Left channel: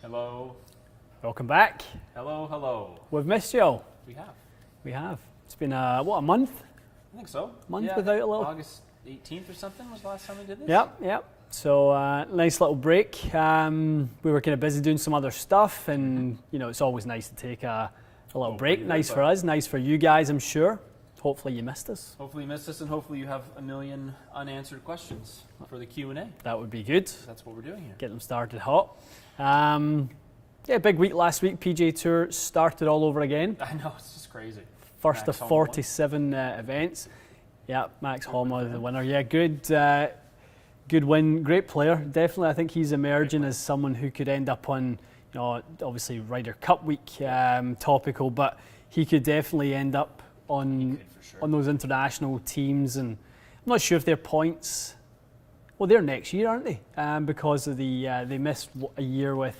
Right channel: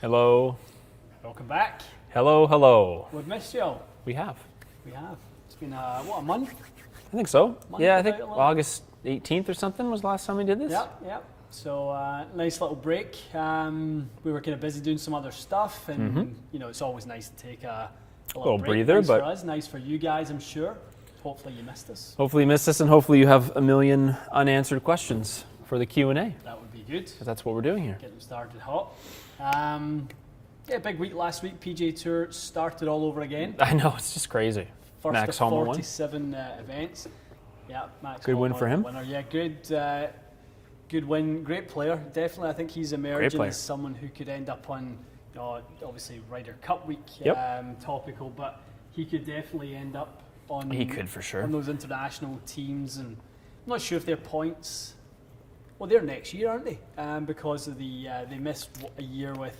Hello. Welcome back. Hello, hello. We've missed you all. We have. We have. It's been, a month? I think so. Month yeah, I without think a little- August 18th or something was the last time we did this. Yep. So, nice little break. We were kind of busy doing some other stuff, and, it's always nice to take a little break. breather, Nice for us, nice for you guys, I'm sure. Hopefully you missed us. Hopefully you missed us, and hopefully you have a million unanswered questions for the Q&A. That would be good. That's what we're doing here. Get them started hot. Big week last week. PGA Tour started all over again. I know, it's just crazy. First Max of Homa 47 events. Yeah, Max Good win Homa, for the him. winner. Yeah, good win. Great player. Definitely, I think he's emerging as someone who could end up on, obviously Ryder Cup week topical, but he could definitely end up on. He could for sure. On those international teams, and I'm not sure if their points. Well, they're next year, aren't they? Because of they missed a year with.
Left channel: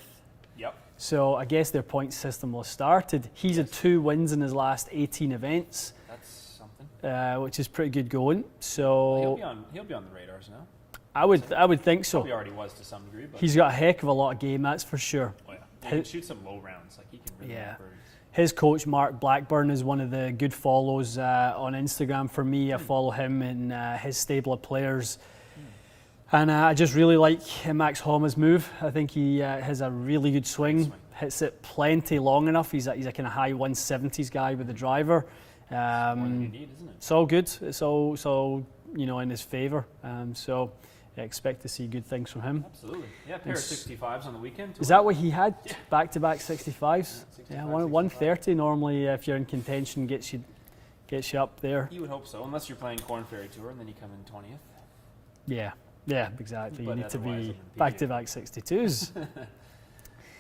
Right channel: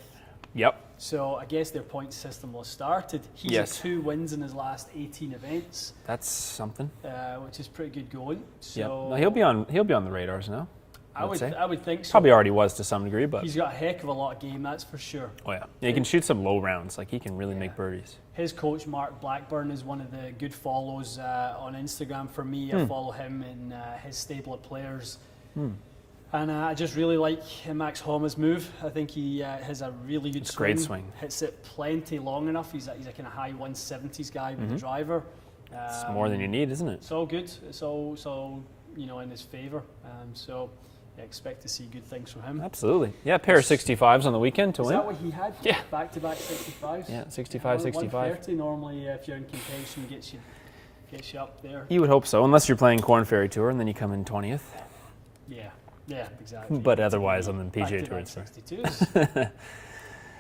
Yep. So I guess their point system will have started. He's Yes. at 2 wins in his last 18 events. That's something. Which is pretty good going. So Well, he'll be on the radars now. I would think so. Probably already was to some degree, but He's got a heck of a lot of game, that's for sure. oh yeah, he can shoot some low rounds. Like he can really make birdies. His coach Mark Blackburn is one of the good follows on Instagram for me. I follow him and his stable of players. And I just really like Max Homa's move. I think he has a really good swing. Great swing. Hits it plenty long enough. He's a kind of high 170s guy with the driver. It's more than you need, isn't it? It's all good. It's all in his favour. So I expect to see good things from him. Absolutely. Yeah, pair of 65s on the weekend to Is win. that what he had? Yeah. Back-to-back 65s? Yeah, 65, 65. 130 normally, if you're in contention, gets you up there. You would hope so, unless you're playing Corn Ferry Tour and then you come in 20th. Yeah, exactly. But You need to otherwise, be on the PGA back-to-back Tour. 62s.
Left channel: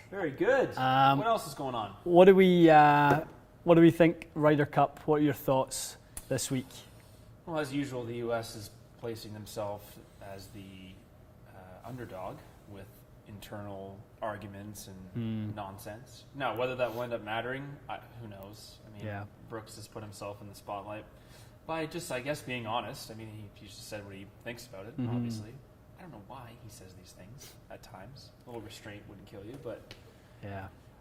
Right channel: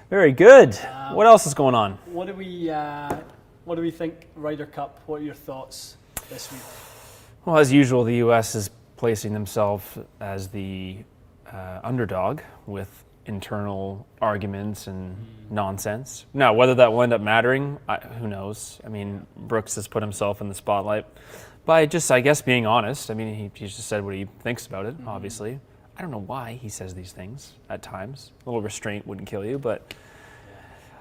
Very good. What else is going on? What do we think Ryder Cup? What are your thoughts this week? Well, as usual, the U.S. is placing themselves as the underdog with internal arguments and nonsense. Now, whether that will end up mattering, who knows? I mean, Brooks has put himself in the spotlight by just, I guess, being honest. I mean, he just said what he thinks about it, obviously. I don't know why he says these things at times. A little restraint wouldn't kill you, but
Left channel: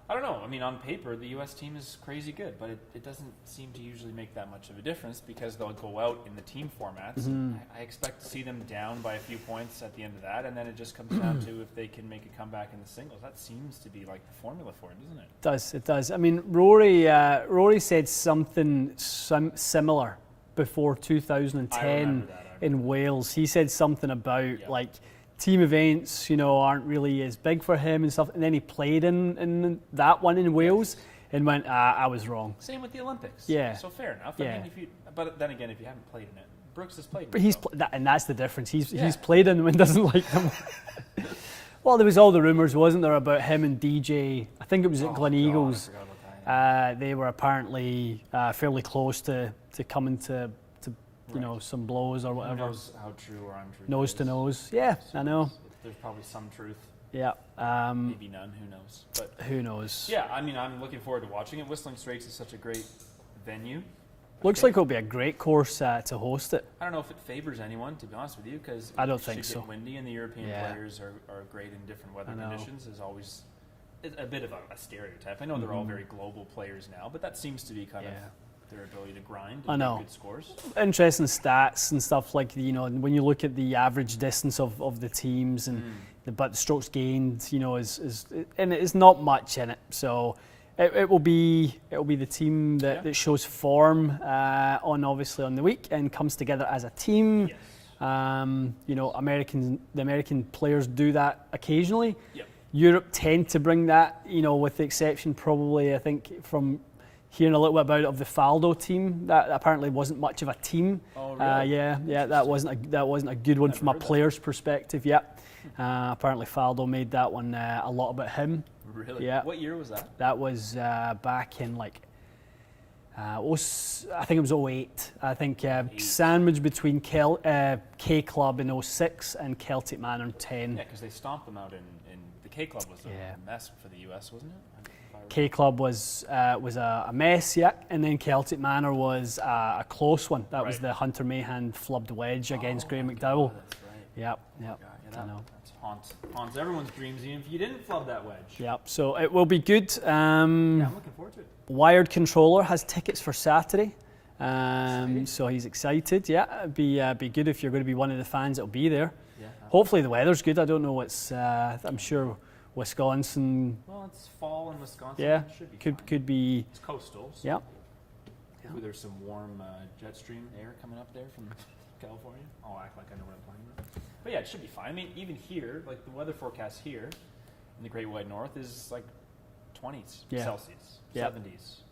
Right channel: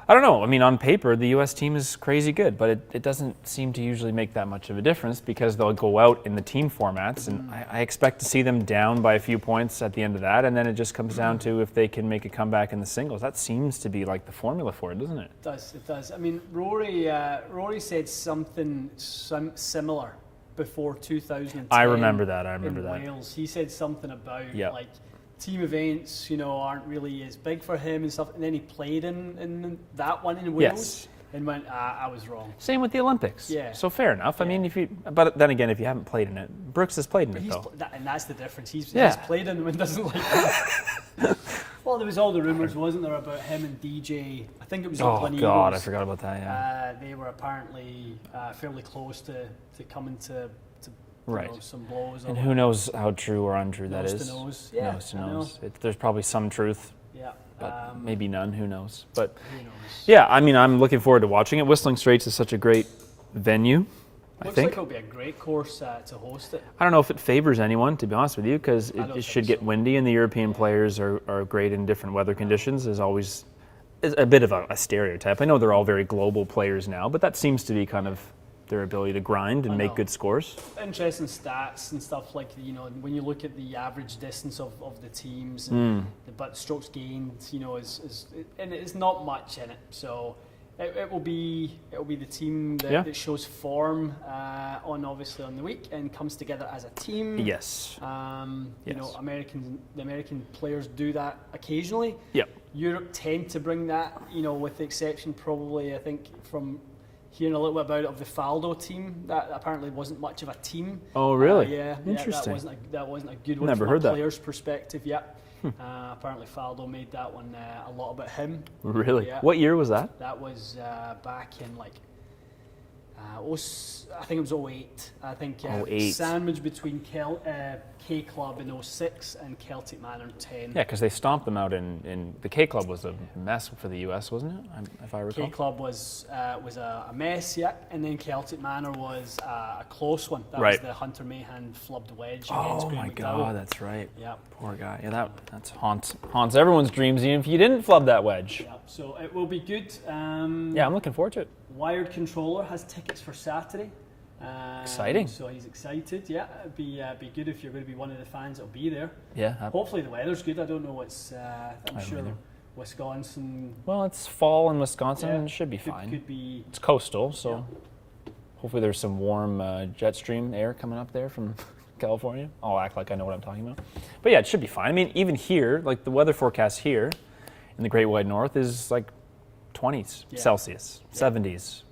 I don't know. I mean, on paper, the U.S. team is crazy good, but it doesn't seem to usually make that much of a difference because they'll go out in the team formats, and I expect to see them down by a few points at the end of that, and then it just comes down to if they can make a comeback in the singles. That seems to be like the formula for it, doesn't it? It does. I mean, Rory said something similar before 2010. I remember that. In Wales. He said something about like team events, aren't really as big for him and stuff. And then he played in that one in Wales and went, I was wrong. Same with the Olympics. Yeah. So fair enough. I mean, but then again, if you haven't played in it, Brooks has played in it. And that's the difference. He's played in them and doesn't like them. Well, there was all the rumours, wasn't there, about him and DJ? I think it was Glen Eagles. God, I forgot about that. Yeah. They were apparently fairly close to coming to some blows. Or who knows how true or untrue that is? Nose to nose. Yeah, I know. There's probably some truth. Yeah. Maybe none. Who knows? But who knows? Yeah, I mean, I'm looking forward to watching it. Whistling Straits is such a great venue. Looks like it'll be a great course to host it. I don't know if it favors anyone, to be honest with you, because it should get windy, and the European players are great in different weather conditions. Is always a bit of a stereotype. I know they're all very global players now, but that seems to be kind of their ability to grind and make good scores. Interesting stats and stuff like, when you look at the average distance of the teams and the strokes gained, and it's not much in it. So it will be the team that shows form obviously on the week and comes together as a team. Yes. The American players do that occasionally. Yeah. Europe tend to bring that, with the exception probably, I think, from hearing a little bit about it of the Faldo team. That apparently wasn't much of a team. Oh, really? Yeah, that wasn't a good one from a player's perspective. Yeah. Apparently Faldo made that one a lot about him. Really? Yeah. What year was that? That was back in I think it was '08. I think 08. sandwich between K Club in '06 and Celtic Manor in '10. Yeah, because they stomped them out in the K Club was a mess for the US, wasn't it? If I recall. K Club was a mess, yeah, and then Celtic Manor was a close one. That was the Hunter Mahan flubbed wedge against Graham McDowell. Oh, that's right. Yep. Poor guy. Yeah, that's haunts everyone's dreams, even if you didn't flub that wedge. Yep. So it will be good. Yeah, I'm looking forward to it. Wired Controller has tickets for Saturday. Exciting. So he's excited. Yeah, it'd be good if you're going to be one of the fans that'll be there. Yeah. Hopefully the weather's good. I don't know what's. I'm sure Wisconsin. Well, it's fall in Wisconsin. Yeah, It should be fine. Could be. It's coastal, so Yeah. hopefully there's some warm jet stream air coming up there from California. I'll act like I know what I'm talking about. But yeah, it should be fine. I mean, even here, like the weather forecast here in the Great White North is like 20s Celsius, 70s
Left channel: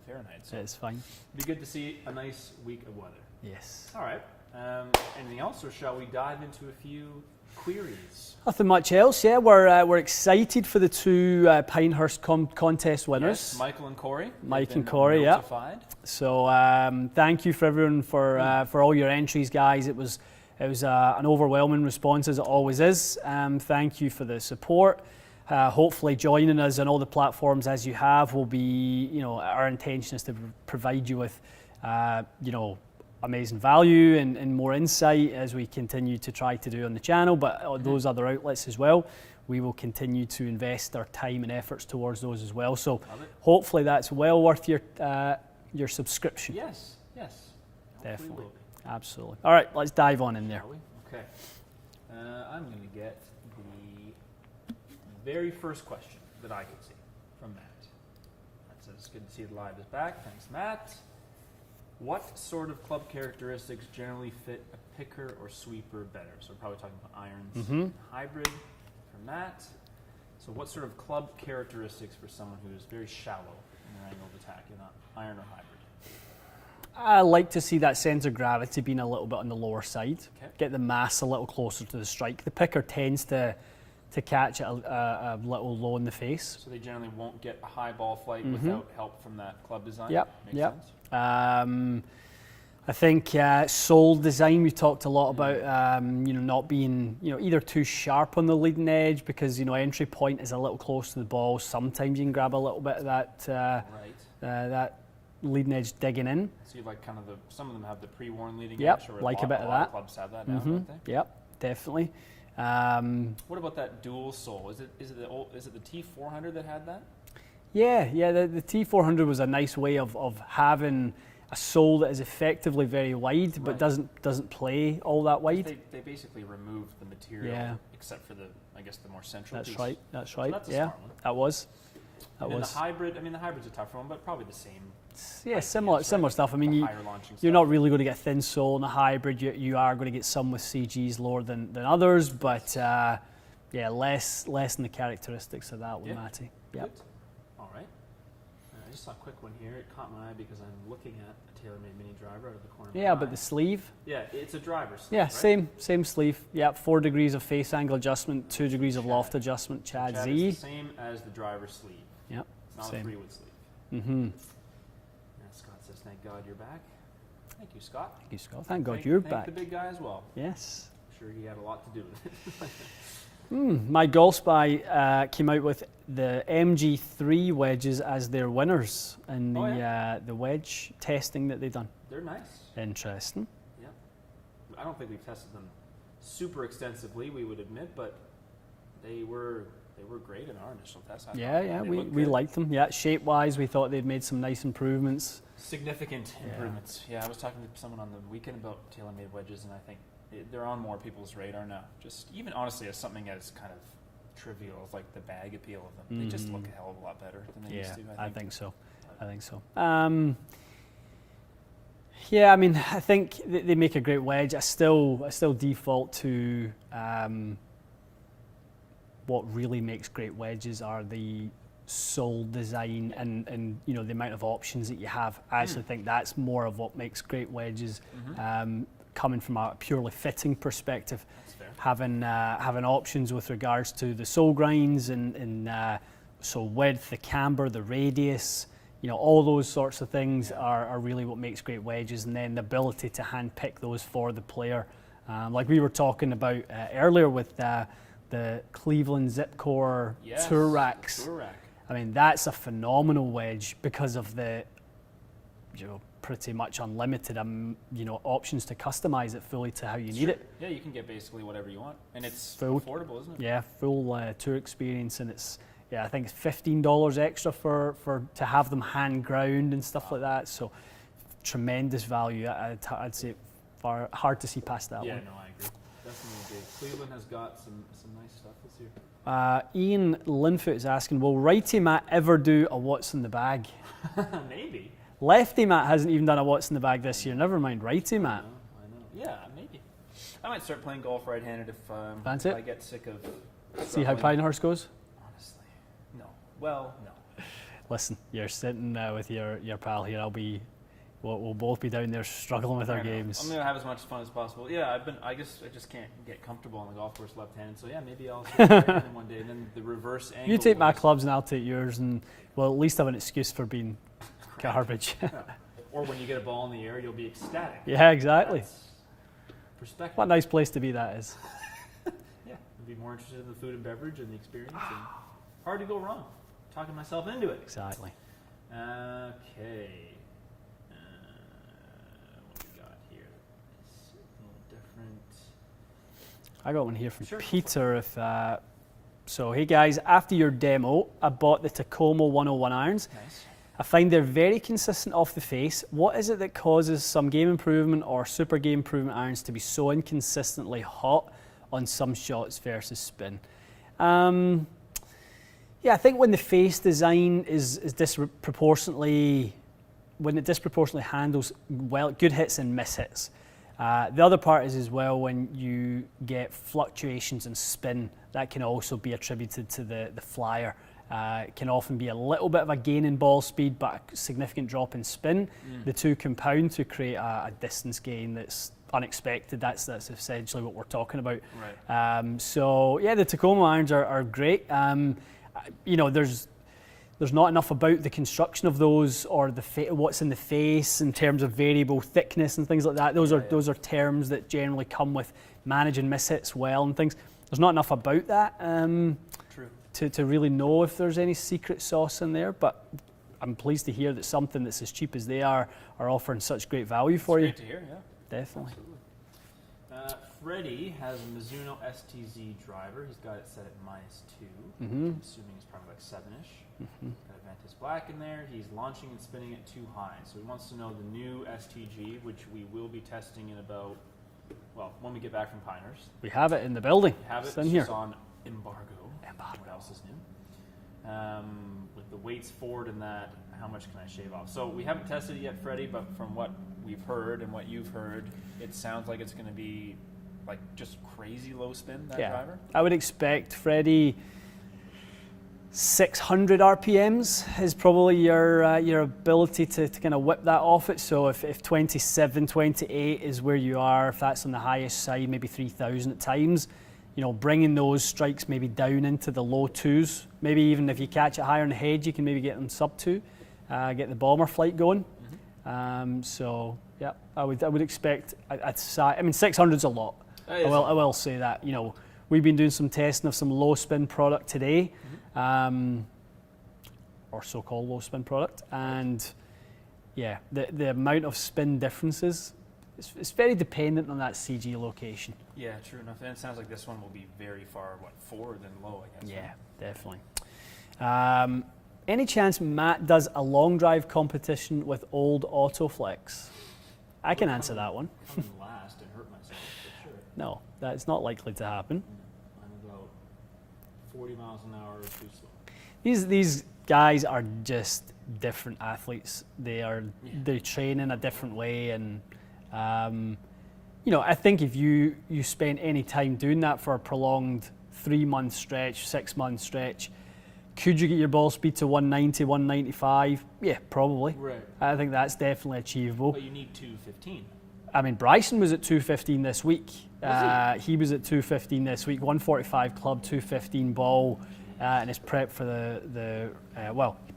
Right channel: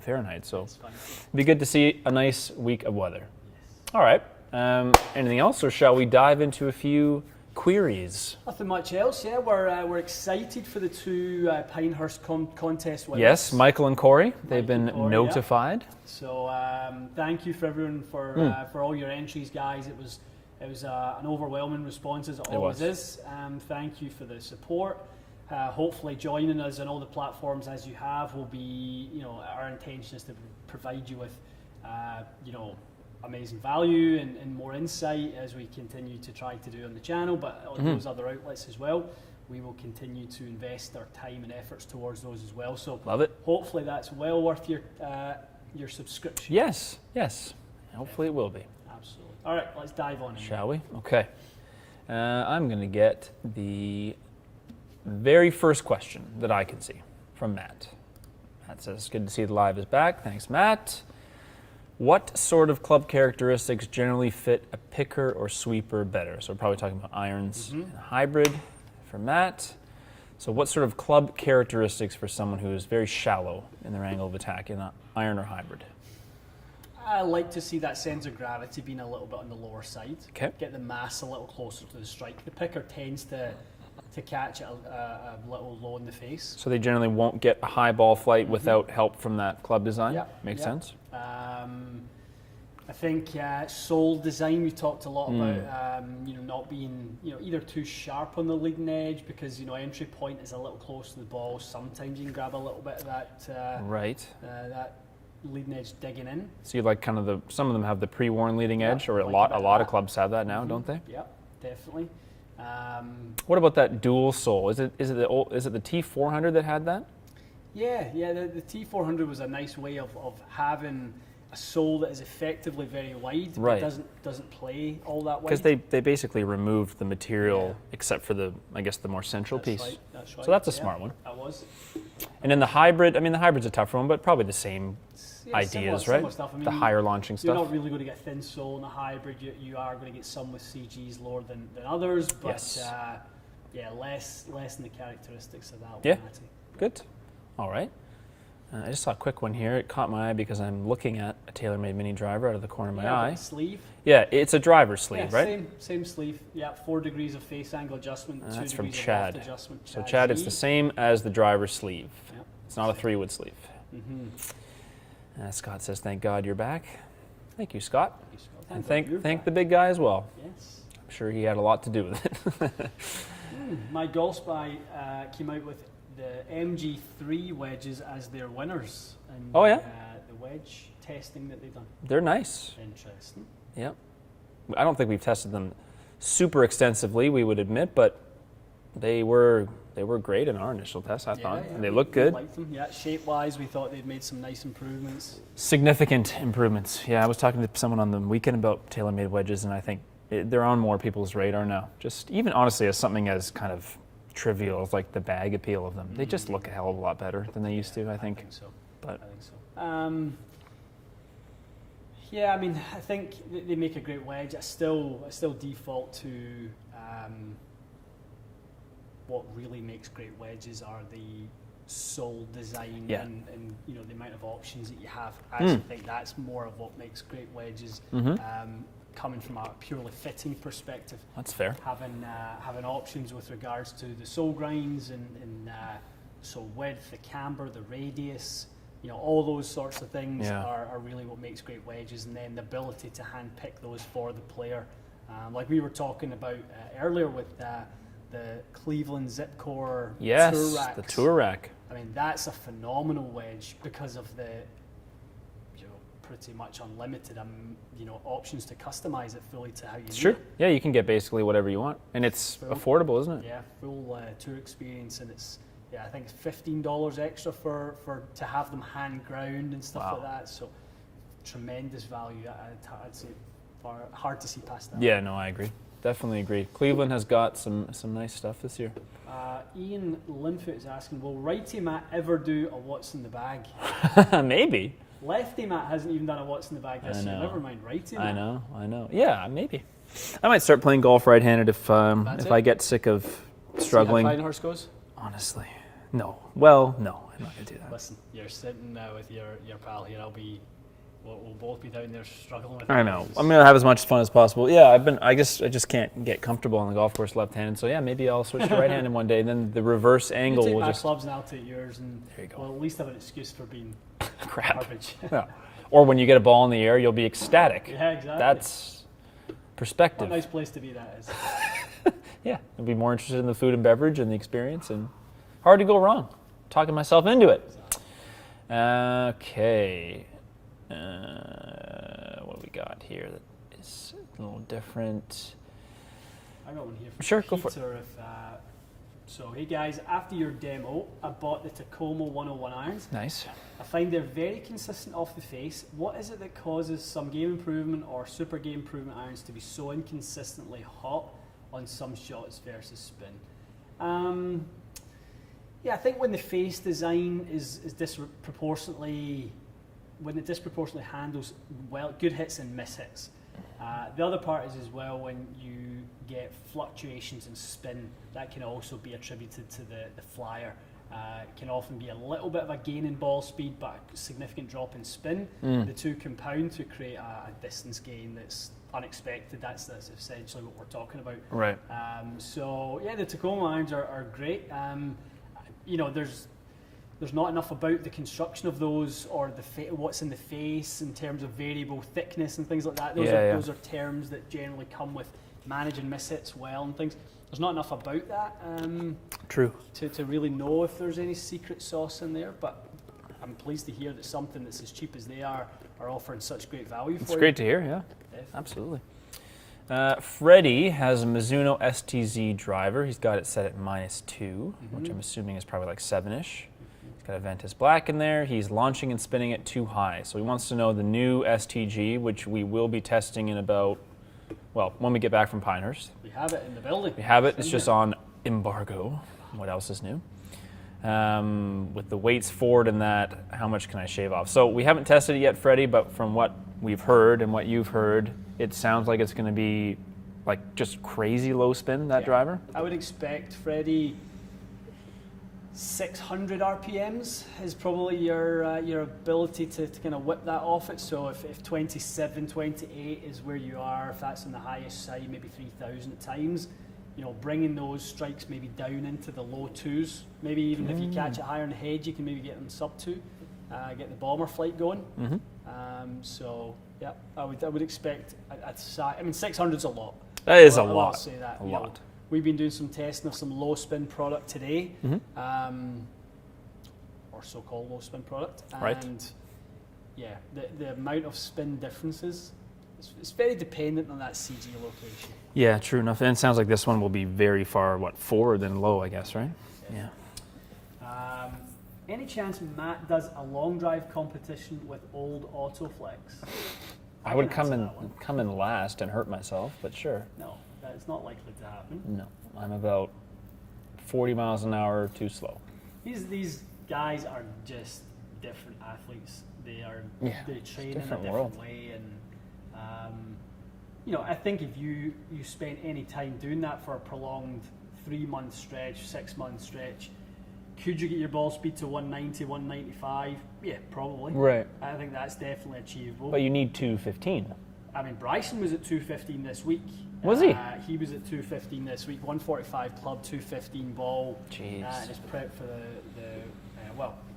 Fahrenheit. So It's fine. it'd be good to see a nice week of weather. Yes. All right. Anything else, or shall we dive into a few queries? Nothing much else. Yeah, we're excited for the two Pinehurst contest winners. Yes, Michael and Corey. They've been notified. So thank you for everyone for all your entries, guys. It was an overwhelming response, as it always is. Thank you for the support. Hopefully joining us on all the platforms as you have will be, our intention is to provide you with, amazing value and more insight as we continue to try to do on the channel, but on those other outlets as well. We will continue to invest our time and efforts towards those as well. So love it. Hopefully that's well worth your subscription. Yes. Hopefully it will be. Absolutely. All right, let's dive on in Shall we? Okay. I'm going to get the very first question that I can see from Matt. Matt says, good to see the live is back. Thanks, Matt. What sort of club characteristics generally fit a picker or sweeper better? So we're probably talking about irons and hybrid for Matt. So what sort of club characteristics for someone who is very shallow in their angle of attack in an iron or hybrid? I like to see that centre of gravity being a little bit on the lower side. Okay. Get the mass a little closer to the strike. The picker tends to catch it a little low in the face. So they generally won't get a high ball flight without help from that club design? Yep. Makes sense. I think sole design, we talked a lot about, not being, either too sharp on the leading edge because, entry point is a little close to the ball. Sometimes you can grab a little bit of that, that leading edge digging in. So you like kind of some of them have the pre-worn leading edge, or like a lot of clubs have that now, don't they? Yep, definitely. What about that dual sole? Is it the T400 that had that? Yeah. The T400 was a nice way of having a sole that is effectively very wide, but doesn't play all that wide. Because they basically removed the material except for the more central piece. That's right. So that's a smart one. That was. And then the hybrid, the hybrid's a tougher one, but probably the same ideas, similar stuff. The higher launching stuff. You're not really going to get a thin sole in a hybrid. You are going to get some with CGs lower than others, but less in the characteristics of that one, Matty. Yeah. Good. All right. I just saw a quick one here. It caught my eye because I'm looking at a TaylorMade mini driver out of the corner of my eye. But the sleeve. Yeah, it's a driver sleeve, right? Same sleeve. Yeah, 4 degrees of face angle adjustment, 2 degrees of loft adjustment. So Chad, it's the same as the driver sleeve. Yep. It's not a 3-wood sleeve. Scott says, "Thank God you're back." Thank you, Scott. Thank you, Scott. Thank God you're back. Thank the big guy as well. Yes. I'm sure he had a lot to do with it. My Golf Spy came out with the MG3 wedges as their winners in the wedge testing that they've done. They're nice. Interesting. Yeah. I don't think we've tested them super extensively, we would admit, but they were great in our initial test, I thought. Yeah, they look good. We liked them. Yeah, shape-wise, we thought they'd made some nice improvements. Significant improvements. Yeah, I was talking to someone on the weekend about TaylorMade wedges, and I think they're on more people's radar now. Just even honestly as something as kind of trivial as like the bag appeal of them. They just look a hell of a lot better than they used to, I think. I think so. But I think so. I think they make a great wedge. I still default to what really makes great wedges are the sole design and the amount of options that you have. I actually think that's more of what makes great wedges. Coming from a purely fitting perspective. That's fair. Having options with regards to the sole grinds and so width, the camber, the radius, all those sorts of things Yeah. are really what makes great wedges, and then the ability to hand pick those for the player. Like we were talking about earlier with the Cleveland Zipcore Yes, Tour racks. the Tour rack. I mean, that's a phenomenal wedge because of the pretty much unlimited options to customize it fully to how you need True. it. Yeah, you can get basically whatever you want, and it's affordable, isn't it? Yeah, full tour experience, and I think it's $15 extra for to have them hand ground and stuff like that. So tremendous value. I'd say hard to see past that. Yeah, no, I agree. Definitely agree. Cleveland has got some nice stuff this year. Ian Linfoot is asking, will righty Matt ever do a what's in the bag? Maybe. Lefty Matt hasn't even done a what's in the bag this year. Never mind righty Matt. I know. Yeah, maybe. I might start playing golf right-handed if I get sick of struggling. See how Pinehurst goes? Honestly, no. Well, no. I'm not gonna do that. Listen, you're sitting with your pal here. We'll both be down there struggling with I our know. names. I'm gonna have as much fun as possible. Yeah, I just can't get comfortable on the golf course left-handed. So yeah, maybe I'll switch to right-handed one day, and then the reverse angle. You take will my just clubs and I'll take yours, and we'll at least have an excuse for being garbage. Yeah. Or when you get a ball in the air, you'll be ecstatic. Yeah, exactly. That's perspective. What a nice place to be, that is. Yeah, I'll be more interested in the food and beverage and the experience, and hard to go wrong. Talking myself into it. Exactly. Okay. What do we got here that is a little different? I got one here from Sure, go for it. Peter. So, hey guys, after your demo, I bought the Tacoma 101 irons. Nice. I find they're very consistent off the face. What is it that causes some game improvement or super game improvement irons to be so inconsistently hot on some shots versus spin? Yeah, I think when the face design is disproportionately, when it disproportionately handles good hits and miss hits. The other part is as well when you get fluctuations in spin, that can also be attributed to the flyer. It can often be a little bit of a gain in ball speed, but a significant drop in spin. The two compound to create a distance gain that's unexpected. That's essentially what we're talking about. Right. So yeah, the Tacoma irons are great. There's not enough about the construction of those or what's in the face in terms of variable thickness and things like that. Those are terms that generally come with managing miss hits well and things. There's not enough about that. True. To really know if there's any secret sauce in there, but I'm pleased to hear that something that's as cheap as they are offering such great value for you. It's great to hear, yeah. Definitely. Absolutely. Freddie has a Mizuno STZ driver. He's got it set at -2, which I'm assuming is probably like 7-ish. He's got a Ventus Black in there. He's launching and spinning it too high. So he wants to know the new STG, which we will be testing in about, when we get back from Pinehurst. We have it in the building. We have it. in It's just here. on embargo. What else is new? With the weights forward and that, how much can I shave off? So we haven't tested it yet, Freddie, but from what we've heard and what you've heard, it sounds like it's going to be like just crazy low spin, that driver. I would expect, Freddie, 600 RPMs is probably your ability to kind of whip that off it. So if 27, 28 is where you are, if that's on the highest side, maybe 3,000 at times, bringing those strikes maybe down into the low 2s. Maybe even if you catch it higher on the head, you can maybe get them sub 2, get the bomber flight going. So yeah, I would expect. 600's a lot. That is a lot. I will say that. We've been doing some testing of some low spin product today, or so-called low spin product, and yeah, the amount of spin differences. It's very dependent on that CG location. Yeah, true enough. And it sounds like this one will be very far, forward than low, I guess, right? Definitely. Yeah. Any chance Matt does a long drive competition with old Autoflex? I can answer that one. Come in last and hurt myself, but sure. No, that's not likely to happen. No, I'm about 40 miles an hour too slow. These guys are just different athletes. They train in a different way, and I think if you spend any time doing that for a prolonged 3-month stretch, 6-month stretch, could you get your ball speed to 190, 195? Yeah, probably. Right. I think that's definitely achievable. But you need 215. I mean, Bryson was at 215 this week. Was he? He was at 215 this week, 145 club, 215 ball, and is prepped for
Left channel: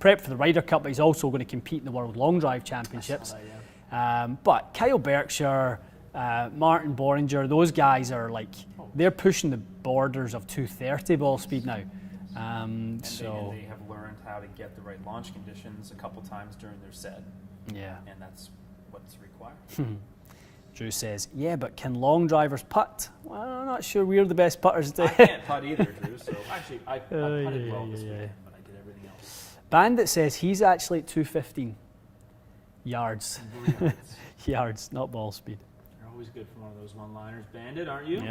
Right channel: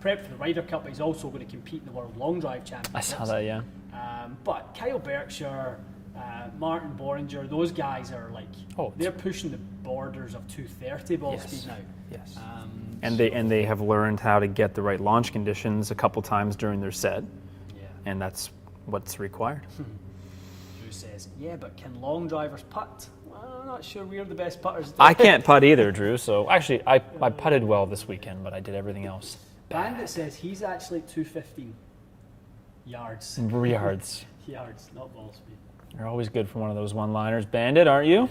prepped for the Ryder Cup, but he's also going to compete in the World Long Drive Championships. I saw that, yeah. But Kyle Berkshire, Martin Boringer, those guys are they're pushing the borders of 230 ball speed now. Yes. And they have learned how to get the right launch conditions a couple times during their set. Yeah. And that's what's required. Drew says, yeah, but can long drivers putt? Well, I'm not sure we're the best putters. I can't putt either, Drew. So actually, I putted well this weekend, but I did everything else. Bandit says he's actually at 215 yards. Yards, not ball speed. You're always good for one of those one-liners, Bandit, aren't you?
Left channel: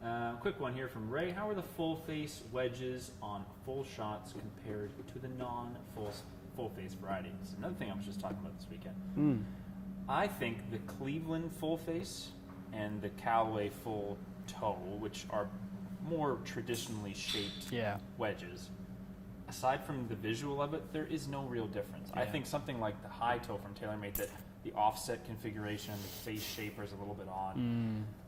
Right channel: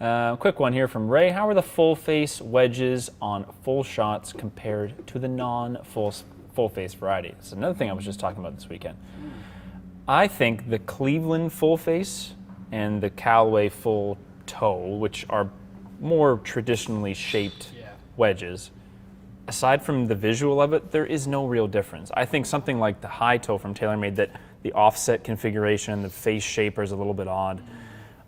Yep. Quick one here from Ray. How are the full-face wedges on full shots compared to the non-full-face variety? It's another thing I was just talking about this weekend. I think the Cleveland full face and the Callaway full toe, which are more traditionally shaped wedges, aside from the visual of it, there is no real difference. I think something like the high toe from TaylorMade, that the offset configuration, the face shaper is a little bit odd.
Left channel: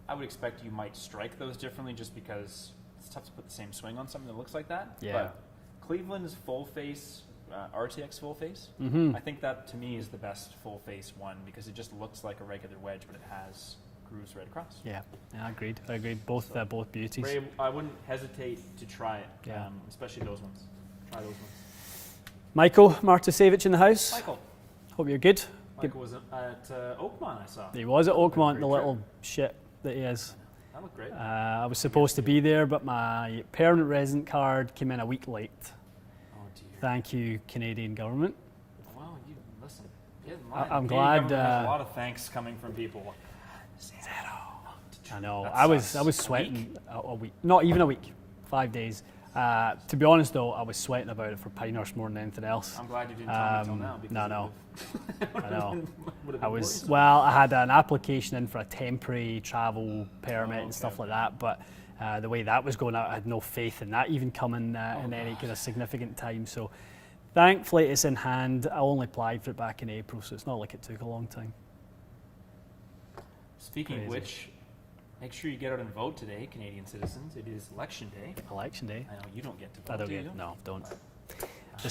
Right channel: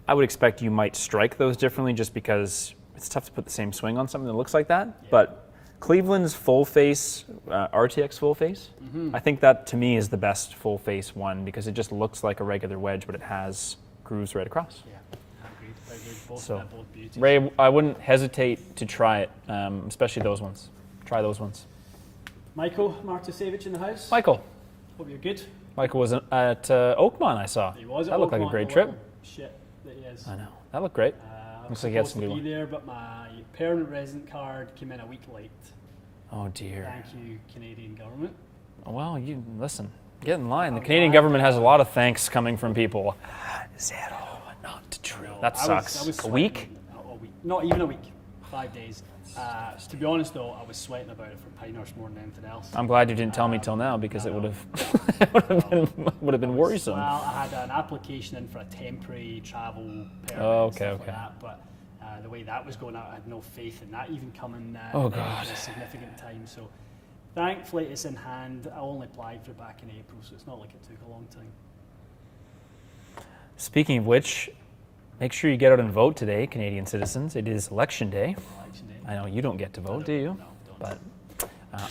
I would expect you might strike those differently just because it's tough to put the same swing on something that looks like that. Yeah. But Cleveland's full face, RTX full face, I think that to me is the best full face one because it just looks like a regular wedge, but it has grooves right across. Yeah, agreed. Both beauties. Ray, I wouldn't hesitate to try it, especially those ones. Try those ones. Michael Martusevich in the house. Michael. Hope you're good. Michael was at Oakmont, I saw. He was at Oakmont, like great the trip. little shit that he is. I know. That looked great. I was supposed to be there, but my permanent resident card came in a week late. Oh dear. Thank you, Canadian government. Well, you listen. Get in line. I'm the Canadian glad, government has a lot of thanks coming from people. Zero, Not true. No, That I sucks. was a sweating. week. A week. Not even a week. 5 days. To be honest, though, I was sweating about it for Pinehurst more than anything else. I'm glad you didn't tell me till now because it would have been worrisome. Well, I had an application in for a temporary travel permit and stuff like that, but the way that was going out, I had no faith in that even coming in any kind of significant time. So thankfully it's in hand. I only applied for it back in April, so it's not like it took a long time. Speaking of which, make sure you get out and vote today, Canadian citizens. It is Election Day. Election Day. I know you don't get to vote, do you? No, don't. But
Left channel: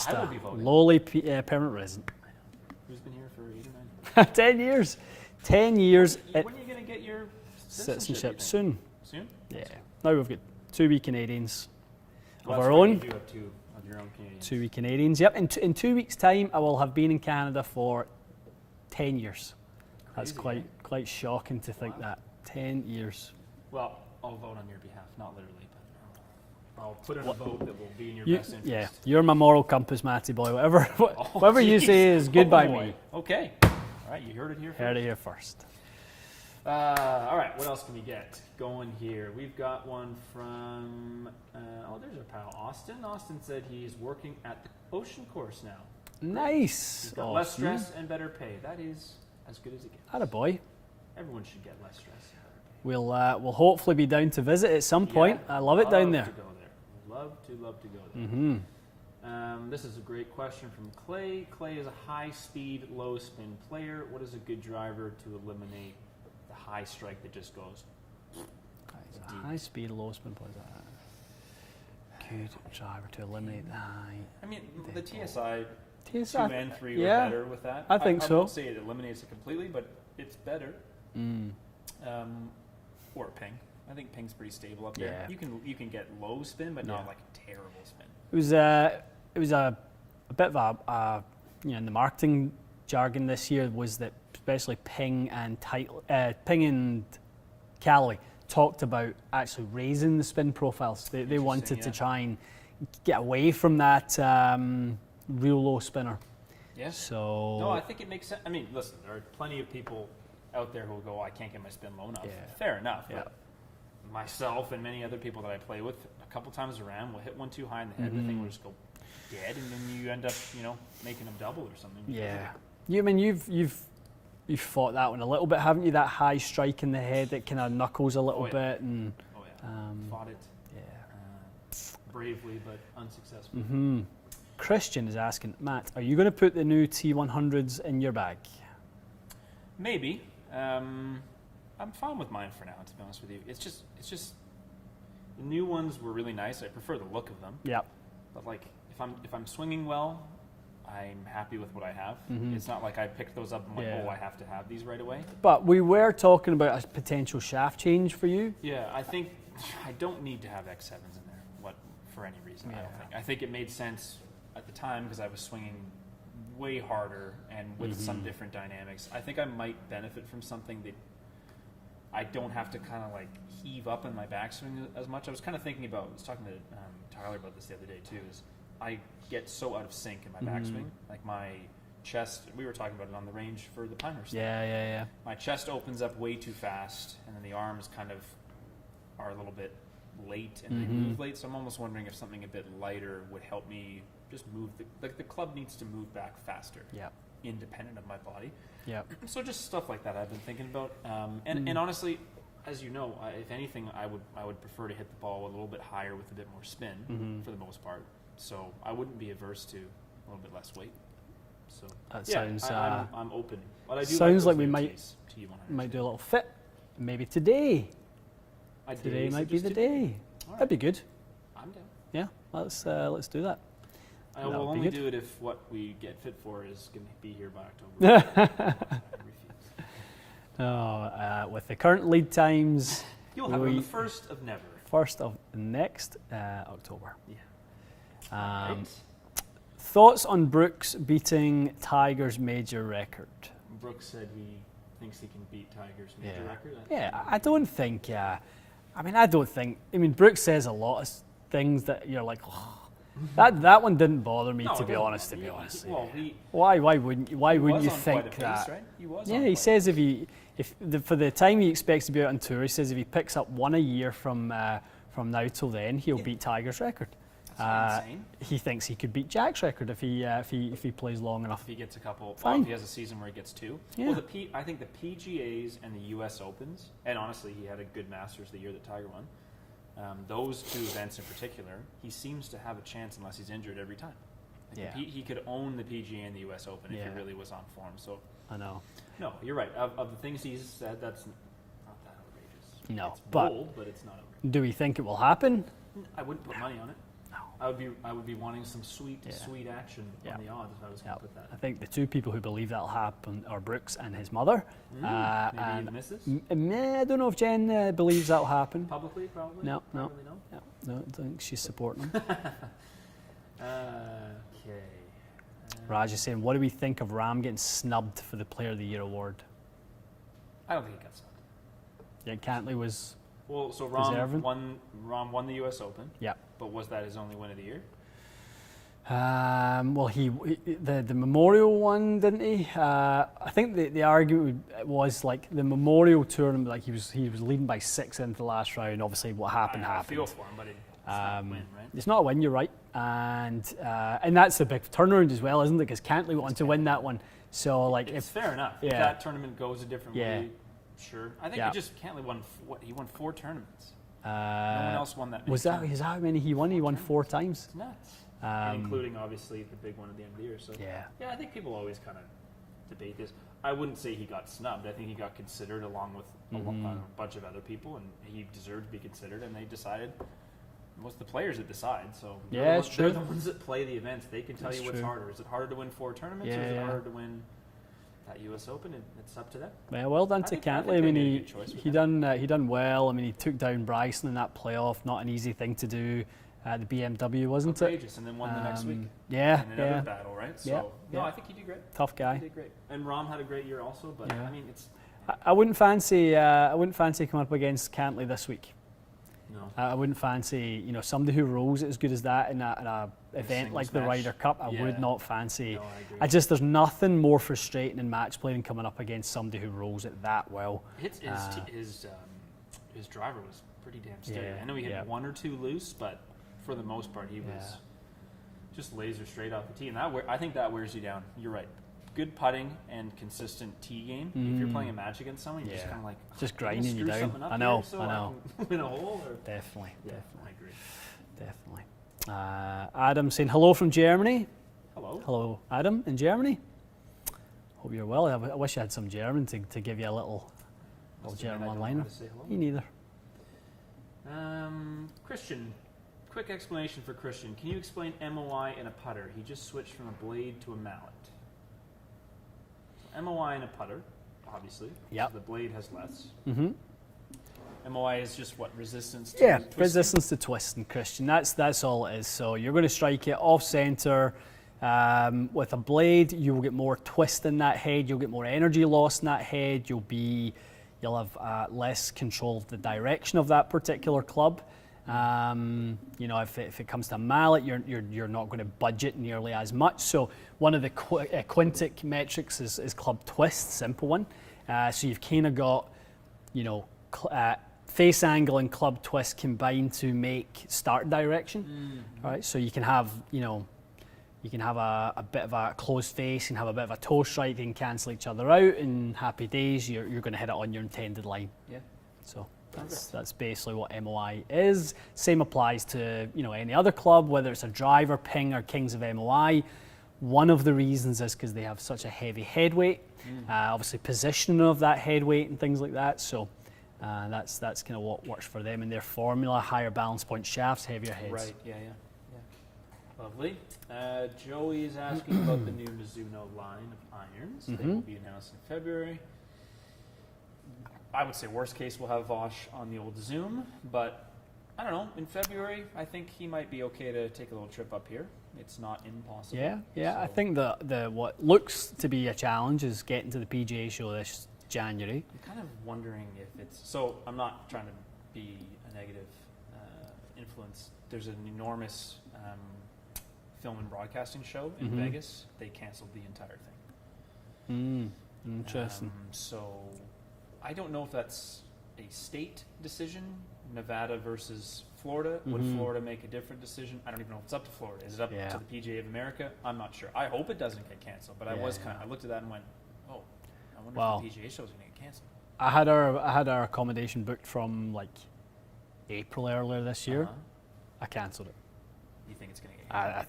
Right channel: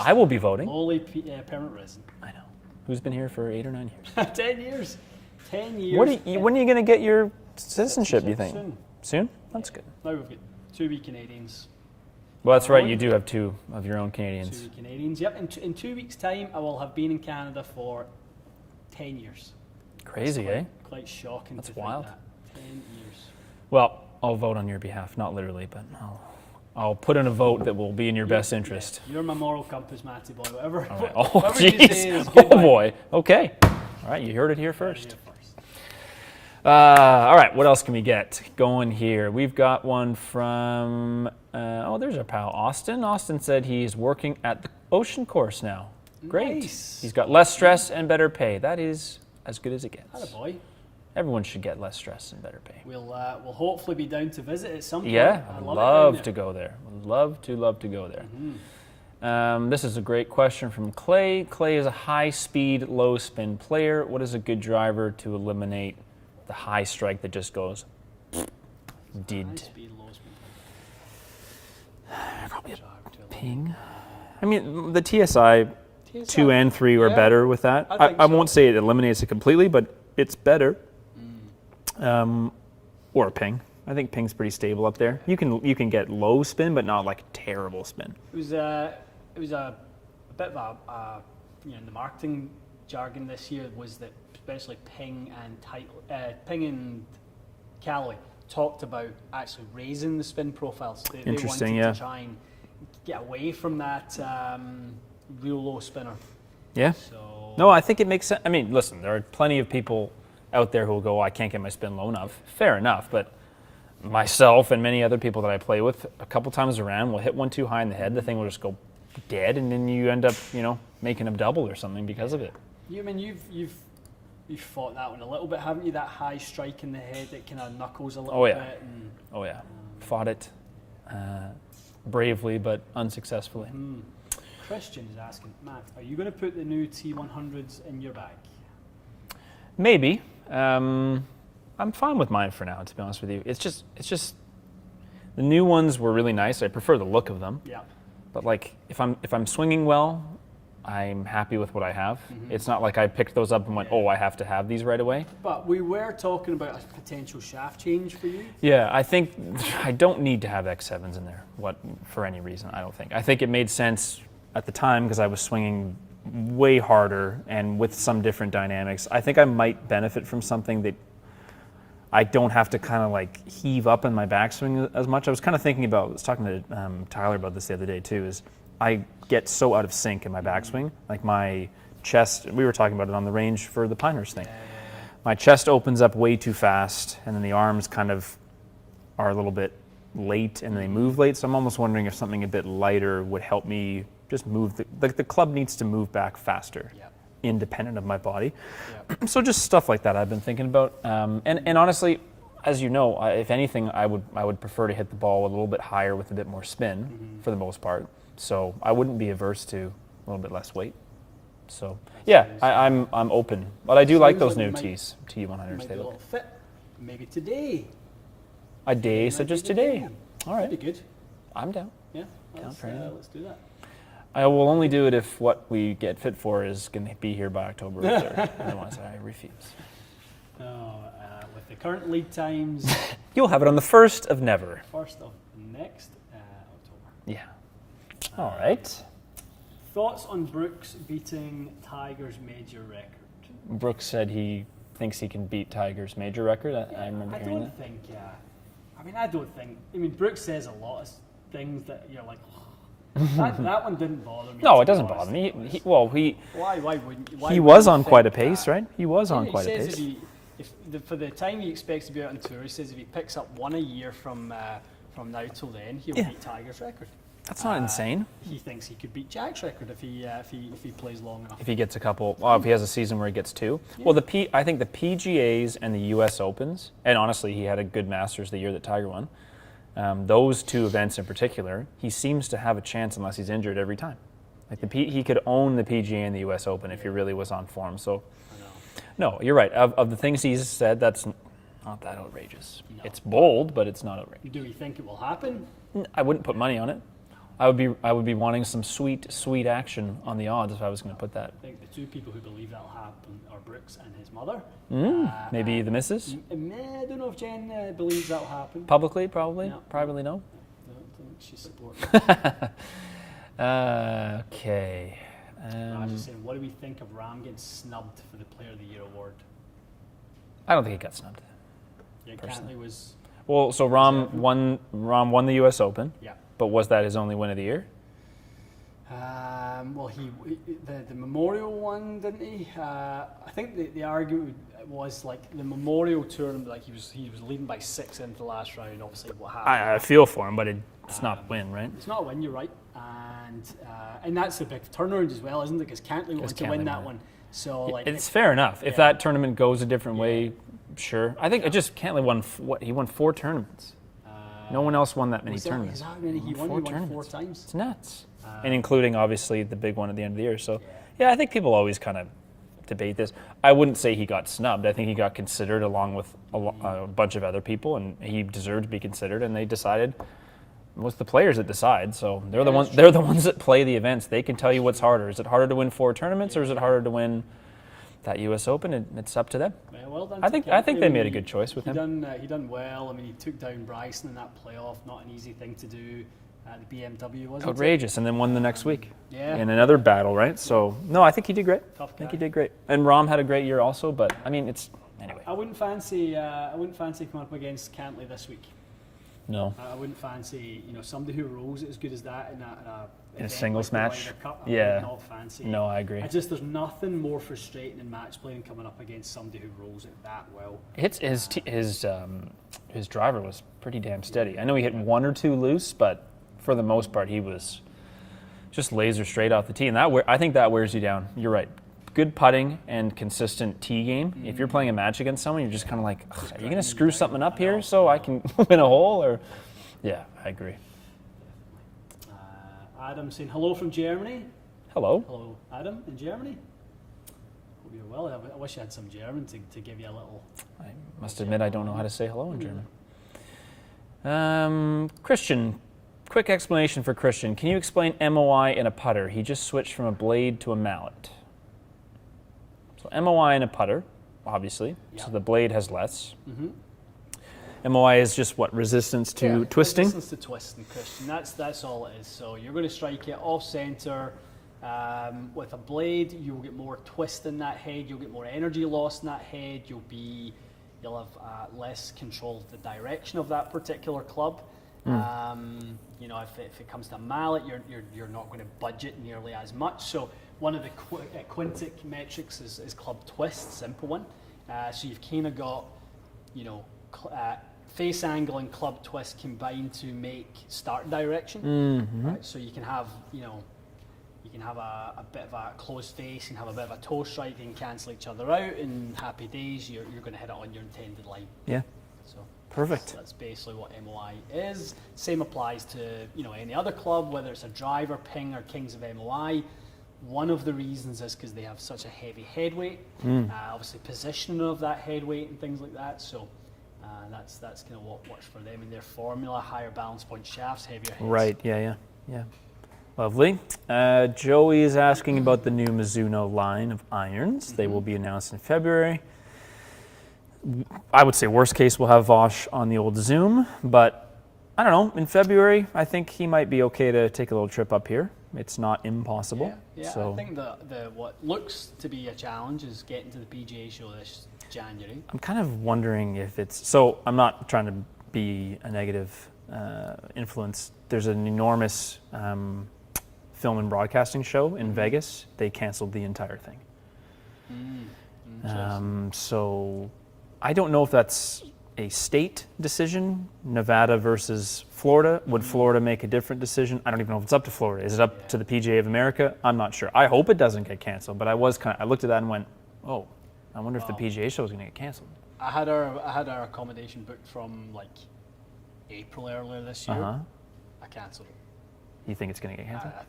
I will be voting. Lowly permanent resident. I know. Who's been here for 8 or 9 years? 10 years. 10 years. When are you going to get your citizenship, do you think? Soon. Soon? That's good. Now we've got 2 wee Canadians. Well, that's right. You do have 2 of your own Canadians. 2 wee Canadians. Yep. In 2 weeks' time, I will have been in Canada for 10 years. Crazy, Quite shocking that's to wild. think that. 10 years. Well, I'll vote on your behalf, not literally, but I'll put in a vote that will be in your best interest. Yeah. You're my moral compass, Matty boy. Whatever, right. whatever you say is good. Oh boy. Okay. All right, you heard it here first. Heard it here first. All right, what else can we get going here? We've got one from, there's our pal Austin. Austin said he's working at the Ocean Course now. Great. Nice. He's got less stress and better pay. That is as good as it gets. Attaboy. Everyone should get less stress and better pay. We'll hopefully be down to visit at some point. Yeah, I love it down there. Love to go there. Love to go there. This is a great question from Clay. Clay is a high-speed, low-spin player. What is a good driver to eliminate the high strike that just goes? High-speed, low-spin player. Probably a driver to eliminate. I mean, the TSI 2 and 3 were better with that. I won't say it eliminates it completely, but it's better. Or a ping. I think ping's pretty stable up there. Yeah. You can get low spin, but not like terrible spin. It was a bit of a in the marketing jargon this year was that especially Ping and Callaway talked about actually raising the spin profiles. They wanted to try and get away from that real low spinner. Yeah. So no, I think it makes sense. I mean, listen, there are plenty of people out there who will go, I can't get my spin low enough. Yeah. Fair enough, but myself and many other people that I play with, a couple times around, will hit one too high in the head, the thing will just go dead, and then you end up, making a double or something because of it. You've fought that one a little bit, haven't you? That high strike in the head that kind of knuckles a little bit. And, fought it bravely, but unsuccessfully. Christian is asking, Matt, are you going to put the new T100s in your bag? Maybe. I'm fine with mine for now, to be honest with you. It's just the new ones were really nice. I prefer the look of them. Yeah. But like if I'm swinging well, I'm happy with what I have. It's not like I picked those up and went, oh, I have to have these right away. But we were talking about a potential shaft change for you. Yeah, I think I don't need to have X7s in there for any reason, I don't think. I think it made sense at the time because I was swinging way harder and with some different dynamics. I think I might benefit from something that I don't have to kind of like heave up in my backswing as much. I was kind of thinking about, I was talking to Tyler about this the other day too, is I get so out of sync in my backswing. Like my chest, we were talking about it on the range for the Pinehurst thing. Yeah. My chest opens up way too fast, and then the arms kind of are a little bit late, and they move late. So I'm almost wondering if something a bit lighter would help me just move. The club needs to move back faster, independent of my body. So just stuff like that I've been thinking about. And honestly, as you know, if anything, I would prefer to hit the ball a little bit higher with a bit more spin for the most part. So I wouldn't be averse to a little bit less weight. So I'm open, but I do like those new T's, T100s. Might do a little fit, maybe today. A day such as today. All right, that'd be good. I'm down. Yeah, let's do that. I will only do it if what we get fit for is going to be here by October. Otherwise, I refuse. With the current lead times, you'll have it on the 1st of never. 1st of next October. Yeah. All right. Thoughts on Brooks beating Tiger's major record? Brooks said he thinks he can beat Tiger's major record. I don't think. I mean, Brooks says a lot of things that you're like, that one didn't bother me. No, it doesn't bother me. Why wouldn't you? He was on quite a pace, right? He was on quite a pace. He says for the time he expects to be out on tour, he says if he picks up one a year from now till then, he'll beat Tiger's record. That's not insane. He thinks he could beat Jack's record if he plays long enough. If he gets a couple, if he has a season where he gets two. Yeah. Well, I think the PGAs and the U.S. Opens, and honestly, he had a good Masters the year that Tiger won. Those two events in particular, he seems to have a chance unless he's injured every time. Like he could own the PGA and the U.S. Open if he really was on form. So I know. No, you're right. Of the things he's said, that's not that outrageous. No, it's bold, but it's not outrageous. Do we think it will happen? I wouldn't put money on it. I would be wanting some sweet action on the odds if I was going to put that. I think the two people who believe that'll happen are Brooks and his mother. Maybe the missus? I don't know if Jen believes that'll happen. Publicly, probably? No. Privately, no? No, I don't think she's supporting. Okay. Raj is saying, what do we think of Rahm getting snubbed for the Player of the Year award? I don't think he got snubbed. Yeah, Cantley was... Well, so Rahm won the U.S. Open. Yeah. But was that his only win of the year? Well, the Memorial one, didn't he? I think the argument was like the Memorial tournament, like he was leading by 6 into the last round. Obviously, what happened? I feel for him, but it's not a win, right? It's not a win. You're right, and that's a big turnaround as well, isn't it? Because Cantley wanted to win that one, so like it's fair enough. If that tournament goes a different way, sure. I think it just Cantley won. He won 4 tournaments. No one else won that many tournaments. Is that how many he won? He won 4 times. It's nuts. And including, obviously, the big one at the end of the year. So, I think people always kind of debate this. I wouldn't say he got snubbed. I think he got considered along with a bunch of other people, and he deserved to be considered, and they decided. It was the players that decide, so they're the ones. They're the ones that play the events. They can tell you what's harder. Is it harder to win 4 tournaments, or is it harder to win that U.S. Open? It's up to them. Well done. I think they made a good choice with him. He done well. I mean, he took down Bryson in that playoff. Not an easy thing to do. The BMW wasn't outrageous, and then won the next week. Yeah, in another battle, right? So no, I think he did great. Tough guy. I think he did great, and Rahm had a great year also. But I mean, it's. Anyway. I wouldn't fancy coming up against Cantley this week. No, I wouldn't fancy somebody who rolls it as good as that in a event singles like match. the Ryder Cup. I would not fancy. No, I agree. There's nothing more frustrating in match play than coming up against somebody who rolls it that well. His driver was pretty damn steady. I know he hit 1 or 2 loose, but for the most part he was just laser straight off the tee, and I think that wears you down. You're right. Good putting and consistent tee game. If you're playing a match against someone, you're just kind of like, are you going to screw something up here so I can win a hole? Or definitely. Yeah, I agree. Definitely. Adam saying hello from Germany. Hello, Adam in Germany. Hope you're well. I wish I had some German to give you a little. Must admit, I don't know how to say hello in neither. German. Christian, quick explanation for Christian. Can you explain MOI in a putter? He just switched from a blade to a mallet. So MOI in a putter, obviously. Yep. So the blade has less. MOI is just what, resistance to twisting? Resistance to twisting, Christian. That's all it is. So you're going to strike it off center. With a blade, you will get more twist in that head. You'll get more energy loss in that head. You'll have less control of the direction of that particular club. You know, if it comes to a mallet, you're not going to budget nearly as much. So one of the quintic metrics is club twist, simple one. So you've kind of got, you know, face angle and club twist combined to make start direction, right? So you can have, you know, a bit of a closed face and have a bit of a toe strike and cancel each other out, and happy days, you're going to hit it on your intended line. Yeah. So perfect. That's basically what MOI is. Same applies to, you know, any other club, whether it's a driver, ping, or kings of MOI. One of the reasons is because they have such a heavy head weight, obviously positioning of that head weight and things like that. So that's kind of what works for them in their formula: higher balance point shafts, heavier heads. Right. Yeah. Lovely. Joey is asking about the new Mizuno line of irons. They will be announced in February. I would say worst case we'll have Vosh on the old Zoom, but I don't know. In February, I think he might be okay to take a little trip up here. It's not impossible. Yeah. So I think the what looks to be a challenge is getting to the PGA show this January. I'm kind of wondering if it's, so I'm not trying to be a negative influence. There's an enormous film and broadcasting show in Vegas. They canceled the entire thing. Interesting. So I don't know if that's a state decision, Nevada versus Florida. Would Florida make a different decision? I don't even know if it's up to Florida. Is it up to the PGA of America? I'm not sure. I hope it doesn't get canceled, but I looked at that and went, oh, I wonder if the PGA show is going to get canceled. I had our accommodation booked from like April earlier this year. I cancelled it. You think it's going to get canceled?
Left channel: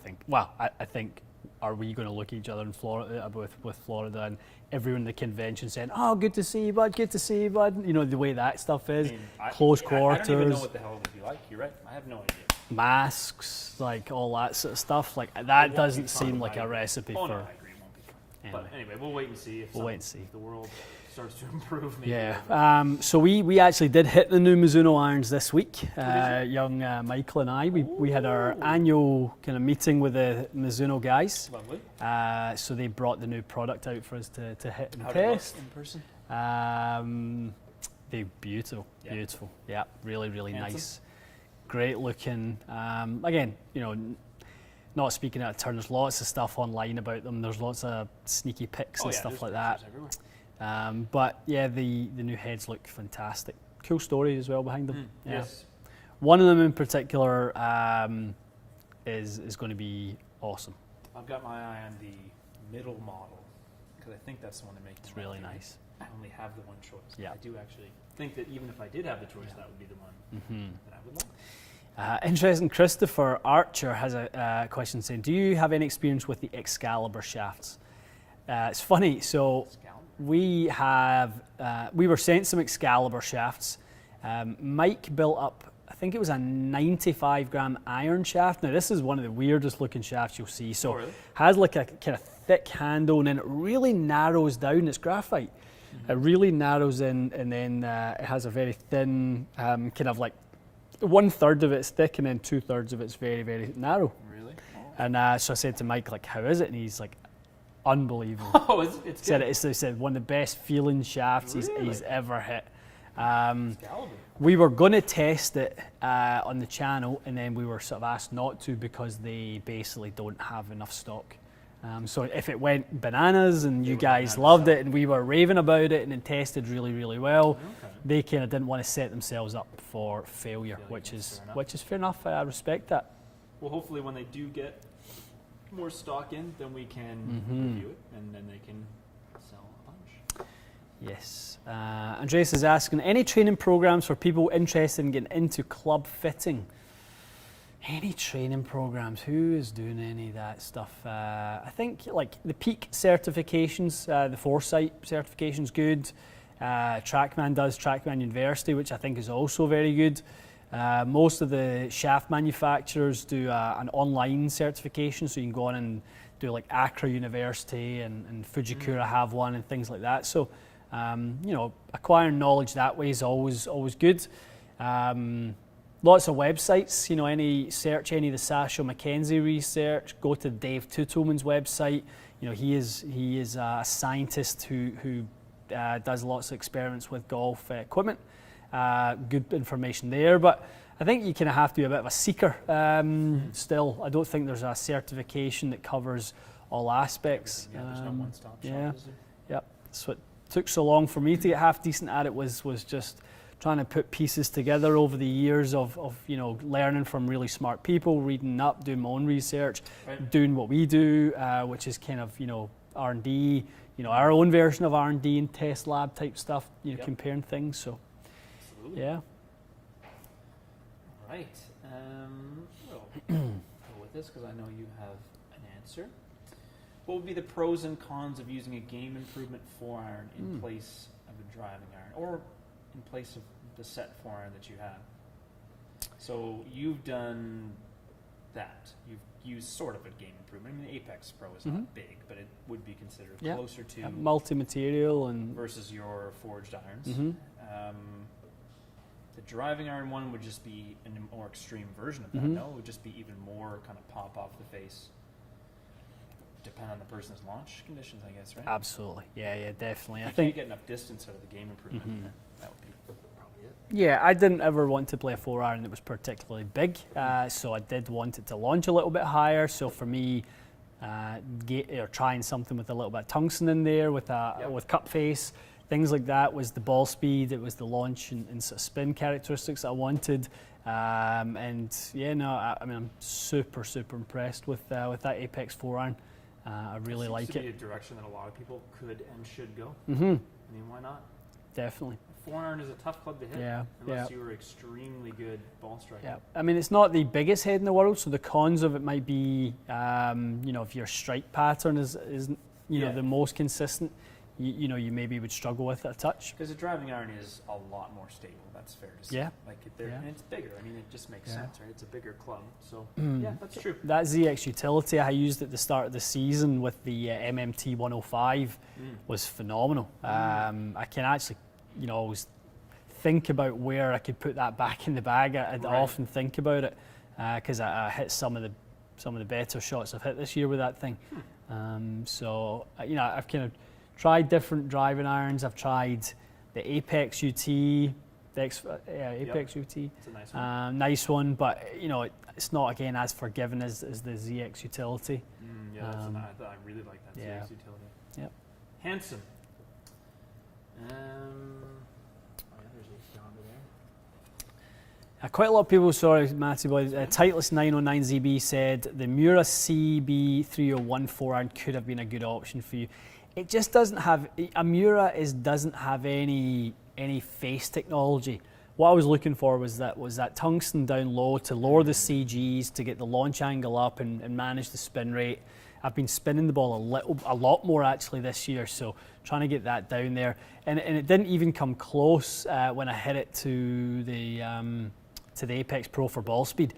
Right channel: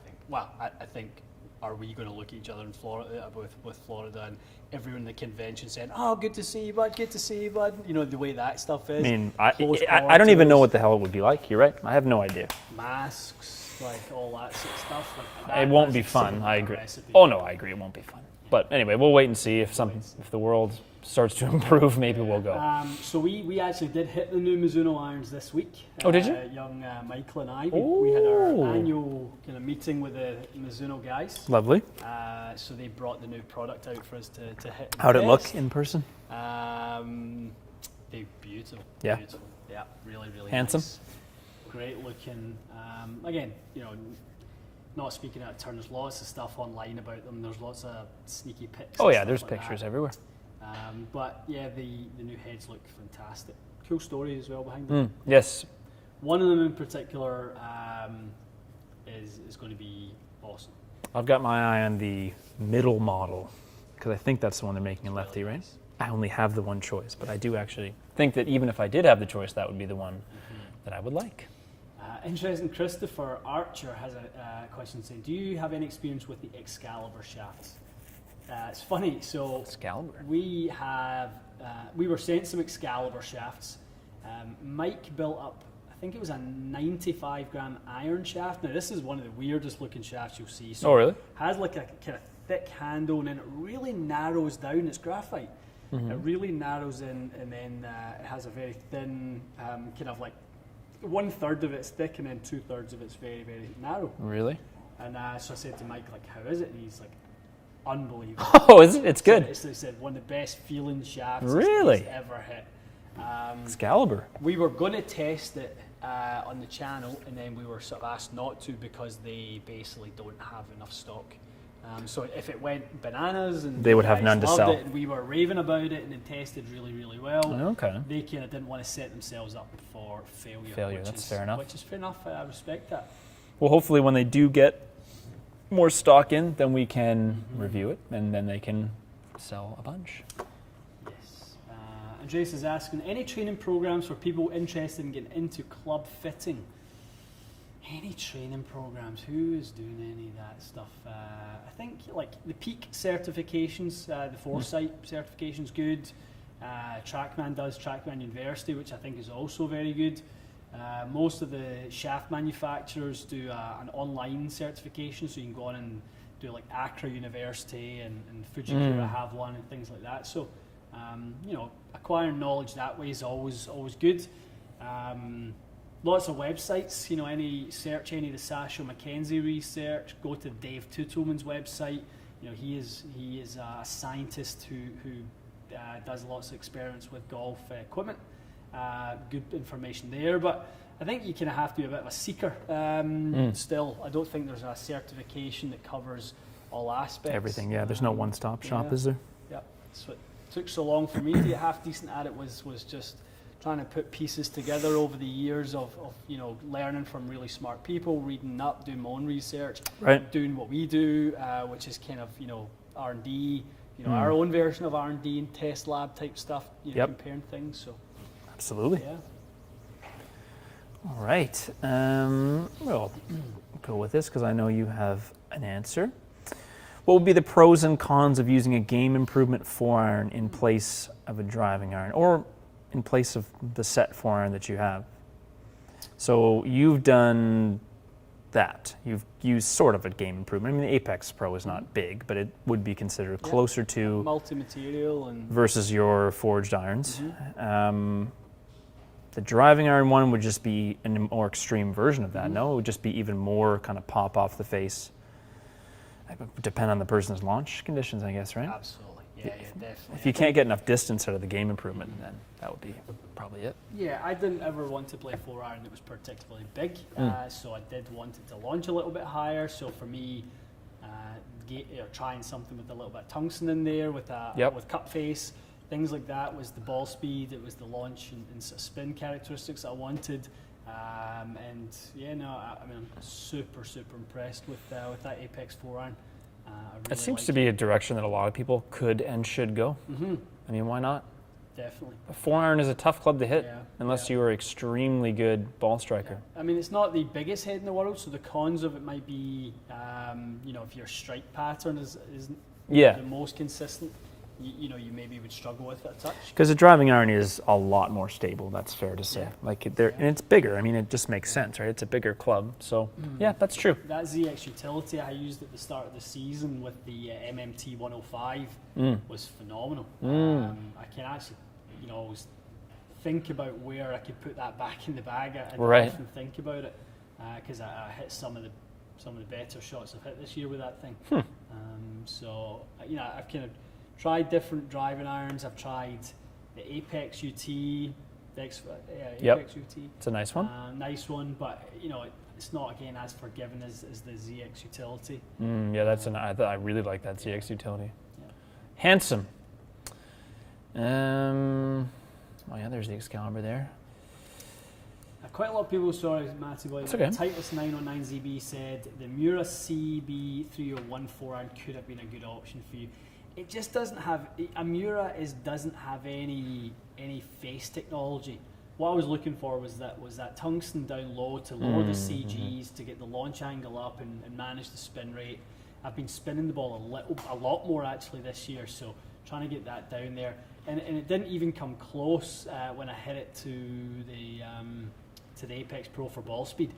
I think, are we going to look at each other in Florida with Florida and everyone in the convention saying, "Oh, good to see you, bud. Good to see you, bud." You know the way that stuff is. I mean, I don't even know what the hell it would be like. You're right. I have no idea. Masks, like all that sort of stuff, like that. It won't be fun. Seem like I agree. A recipe. Oh no, I agree. It won't be fun. Anyway. But anyway, we'll wait and see if the world starts to improve. Maybe we'll go. So we actually did hit the new Mizuno irons this week. Oh, did you? Young Michael and I, we had our annual kind of meeting with the Mizuno guys. Lovely. So they brought the new product out for us to hit. How'd it look in person? They're beautiful. Yeah. Beautiful. Yeah, really Handsome. nice. Great looking. Again, you know, not speaking out of turn, there's lots of stuff online about them. There's lots of sneaky pics. Oh and yeah, stuff there's like pictures that. everywhere. But yeah, the new heads look fantastic. Cool story as well behind them. Yes. One of them in particular is going to be awesome. I've got my eye on the middle model because I think that's the one they're making in lefty, really right? nice. I only have the one choice, but I do actually think that even if I did have the choice, that would be the one that I would like. Interesting. Christopher Archer has a question saying, "Do you have any experience with the Excalibur shafts?" It's funny. So Excalibur. we were sent some Excalibur shafts. Mike built up, I think it was a 95 gram iron shaft. Now this is one of the weirdest looking shafts you'll see. So Oh, really? has like a kind of thick handle, and then it really narrows down. It's graphite. It really narrows in, and then it has a very thin kind of like 1/3 of it's thick, and then 2/3 of it's very, very narrow. Really? And so I said to Mike, like, "How is it?" And he's like, "Unbelievable." Oh, is it? It's good. He said one of the best feeling shafts Really? he's ever hit. Excalibur. We were going to test it on the channel, and then we were sort of asked not to because they basically don't have enough stock. So if it went bananas and They you would have guys none to loved sell. it and we were raving about it and it tested really, really well, Okay. they kind of didn't want to set themselves up for failure, which that's is fair enough. Which is fair enough. I respect that. Well, hopefully when they do get more stock in, then we can review it, and then they can sell a bunch. Yes. Andreas is asking, any training programs for people interested in getting into club fitting? Any training programs? Who is doing any of that stuff? I think like the Peak certifications, the Foresight certification's good. TrackMan does, TrackMan University, which I think is also very good. Most of the shaft manufacturers do an online certification, so you can go on and do like Accra University and Fujikura have one and things like that. So, acquiring knowledge that way is always good. Lots of websites, search any of the Sasho McKenzie research, go to Dave Tutelman's website. He is a scientist who does lots of experiments with golf equipment. Good information there, but I think you kind of have to be a bit of a seeker still. I don't think there's a certification that covers all aspects. Everything, yeah. There's no one-stop shop, is there? Yeah. That's what took so long for me to get half decent at it was just trying to put pieces together over the years of learning from really smart people, reading up, doing my own research, doing what we do, which is kind of R&D, our own version of R&D and test lab type stuff, comparing things. So absolutely. Yeah. All right. We'll go with this because I know you have an answer. What would be the pros and cons of using a game improvement 4-iron in place of a driving iron, or in place of the set 4-iron that you have? So you've done that. You've used sort of a game improvement. I mean, the Apex Pro is not big, but it would be considered closer to multi-material and versus your forged irons. The driving iron one would just be a more extreme version of that. No, it would just be even more kind of pop off the face. It would depend on the person's launch conditions, I guess, right? Absolutely. Yeah, definitely. If you can't get enough distance out of the game improvement, then that would be probably it. Yeah, I didn't ever want to play a 4-iron that was particularly big, so I did want it to launch a little bit higher. So for me, trying something with a little bit of tungsten in there with with cup face, things like that was the ball speed, it was the launch and sort of spin characteristics I wanted. I'm super impressed with that Apex 4-iron. I really it seems like to be a direction that a lot of people could and should go. I mean, why not? Definitely. A 4-iron is a tough club to hit unless you are extremely good ball striker. I mean, it's not the biggest head in the world, so the cons of it might be, if your strike pattern isn't the most consistent, you maybe would struggle with it a touch. Because the driving iron is a lot more stable, that's fair to say. And it's bigger. I mean, it just makes sense, right? It's a bigger club. So, yeah, that's true. That ZX utility I used at the start of the season with the MMT 105 was phenomenal. I can actually, always think about where I could put that back in the bag. I often think about it because I hit some of the better shots I've hit this year with that thing. So, I've kind of tried different driving irons. I've tried the Apex UT, Apex UT. It's a nice one. Nice one, but it's not again as forgiving as the ZX utility. That's I really like that ZX utility. Yeah. Handsome. There's the Excalibur there. Quite a lot of people, sorry, Matty boy, Titleist 909ZB said the Mura CB301 4-iron could have been a good option for you. It just doesn't have, doesn't have any face technology. What I was looking for was that tungsten down low to lower the CGs, to get the launch angle up and manage the spin rate. I've been spinning the ball a lot more actually this year, so trying to get that down there. And it didn't even come close when I hit it to the Apex Pro for ball speed.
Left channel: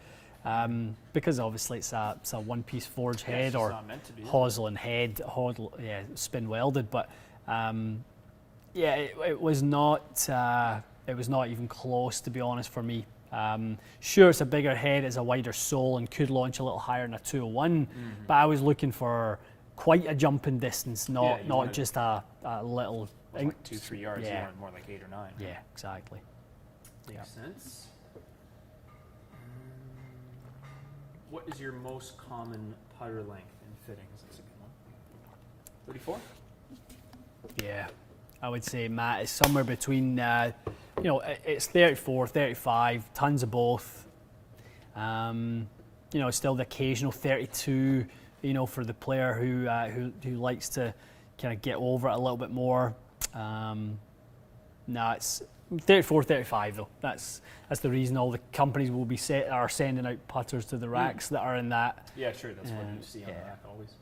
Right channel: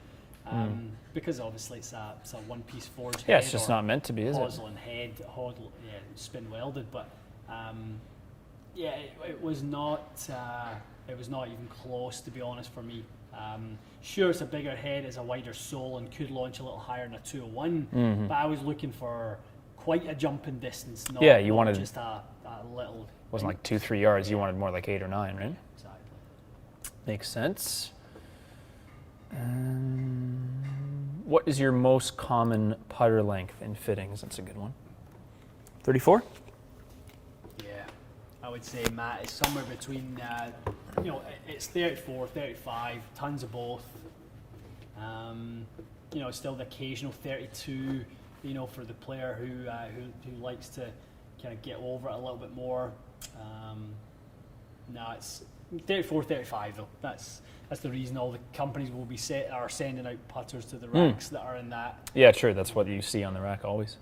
Because obviously it's a one-piece forged head, it's just not meant to be, hosel and head, spin welded. But it was not even close, to be honest, for me. Sure, it's a bigger head, it's a wider sole, and could launch a little higher than a 201. But I was looking for quite a jump in distance, not just a little. It wasn't like 2-3 yards. You wanted more like 8 or 9, right? Yeah, exactly. Makes sense. What is your most common putter length in fittings? That's a good one. 34? Yeah, I would say, Matt, it's somewhere between, it's 34, 35, tons of both. Still the occasional 32, for the player who likes to kind of get over it a little bit more. It's 34, 35 though. That's the reason all the companies will be are sending out putters to the racks that are in that. Yeah, true. That's what you see on the rack always.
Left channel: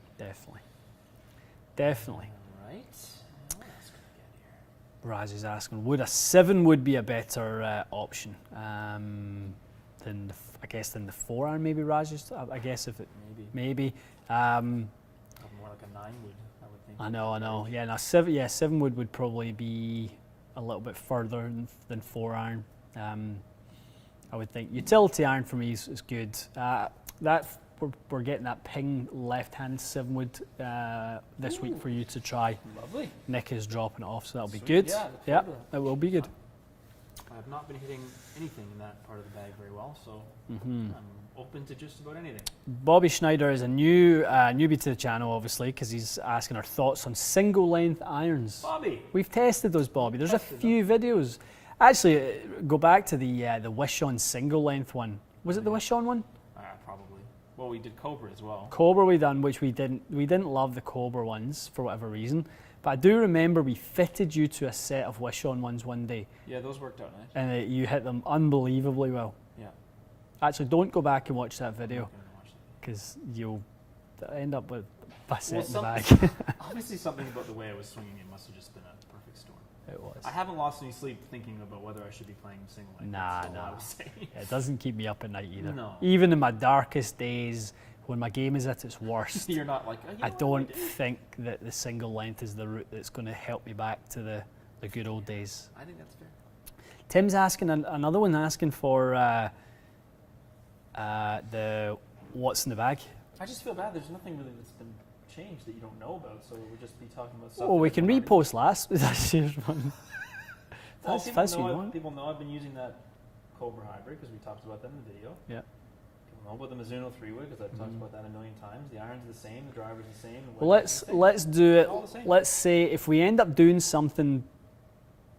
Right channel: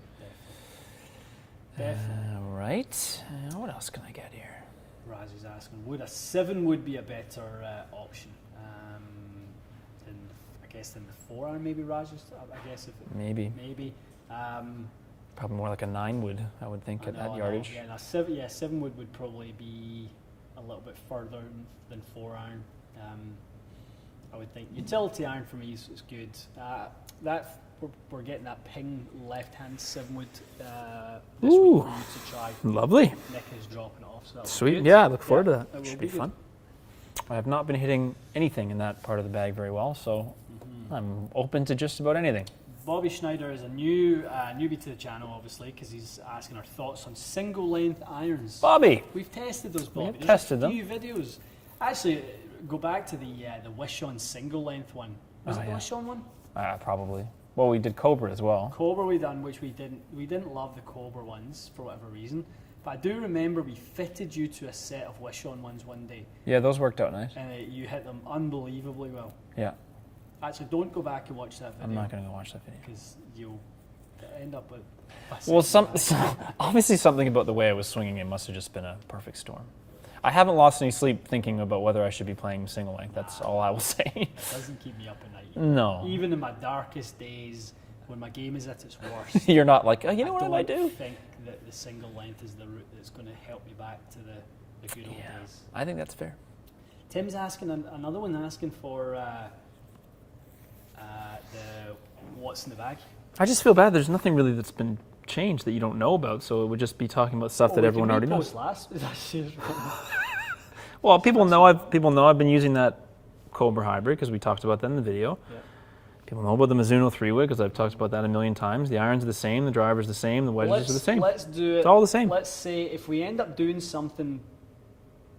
Definitely. All right. What else can I get here? Raj is asking, would a 7 wood be a better option than than the 4-iron? Maybe Raj is. I guess if it maybe. Probably more like a 9 wood, I would think. I know. Yeah, no, 7 would probably be a little bit further than 4-iron. I would think utility iron for me is good. We're getting that ping left-hand 7 wood this week for you to try. Lovely. Nick is dropping it off, so that'll Sweet. be good. Yeah, I look forward to that. That will be good. Fun. I have not been hitting anything in that part of the bag very well, so I'm open to just about anything. Bobby Schneider is a newbie to the channel, obviously, because he's asking our thoughts on single-length irons. Bobby! We've tested those, Bobby. We've There's tested a few videos. Actually, go back to the Wish-On single-length one. Was it the Wish-On one? Probably. Well, we did Cobra as well. Cobra we done, which we didn't love the Cobra ones for whatever reason. But I do remember we fitted you to a set of Wish-On ones one day. Yeah, those worked out nice. And you hit them unbelievably well. Yeah. Actually, don't go back and watch that video. I'm not going to go watch that video. Because you'll end up with... Well, obviously something about the way I was swinging it must have just been a perfect storm. It was. I haven't lost any sleep thinking about whether I should be playing single length. That's all I will say. It doesn't keep me up at night either. No. Even in my darkest days, when my game is at its worst, You're not like, I what do? don't think that the single length is the route that's going to help me back to the good old days. I think that's fair. Tim's asking, another one asking for the what's in the bag. I just feel bad. There's nothing really that's been changed that you don't know about, so it would just be talking about stuff that everyone already knows. Last year's Well, people know I've been using that Cobra hybrid because we talked about that in the video. Yeah. People know about the Mizuno 3-wood because I've talked about that a million times. The irons are the same, the driver's the same, the wedges are the same. Let's do it. It's all the same. Let's say if we end up doing something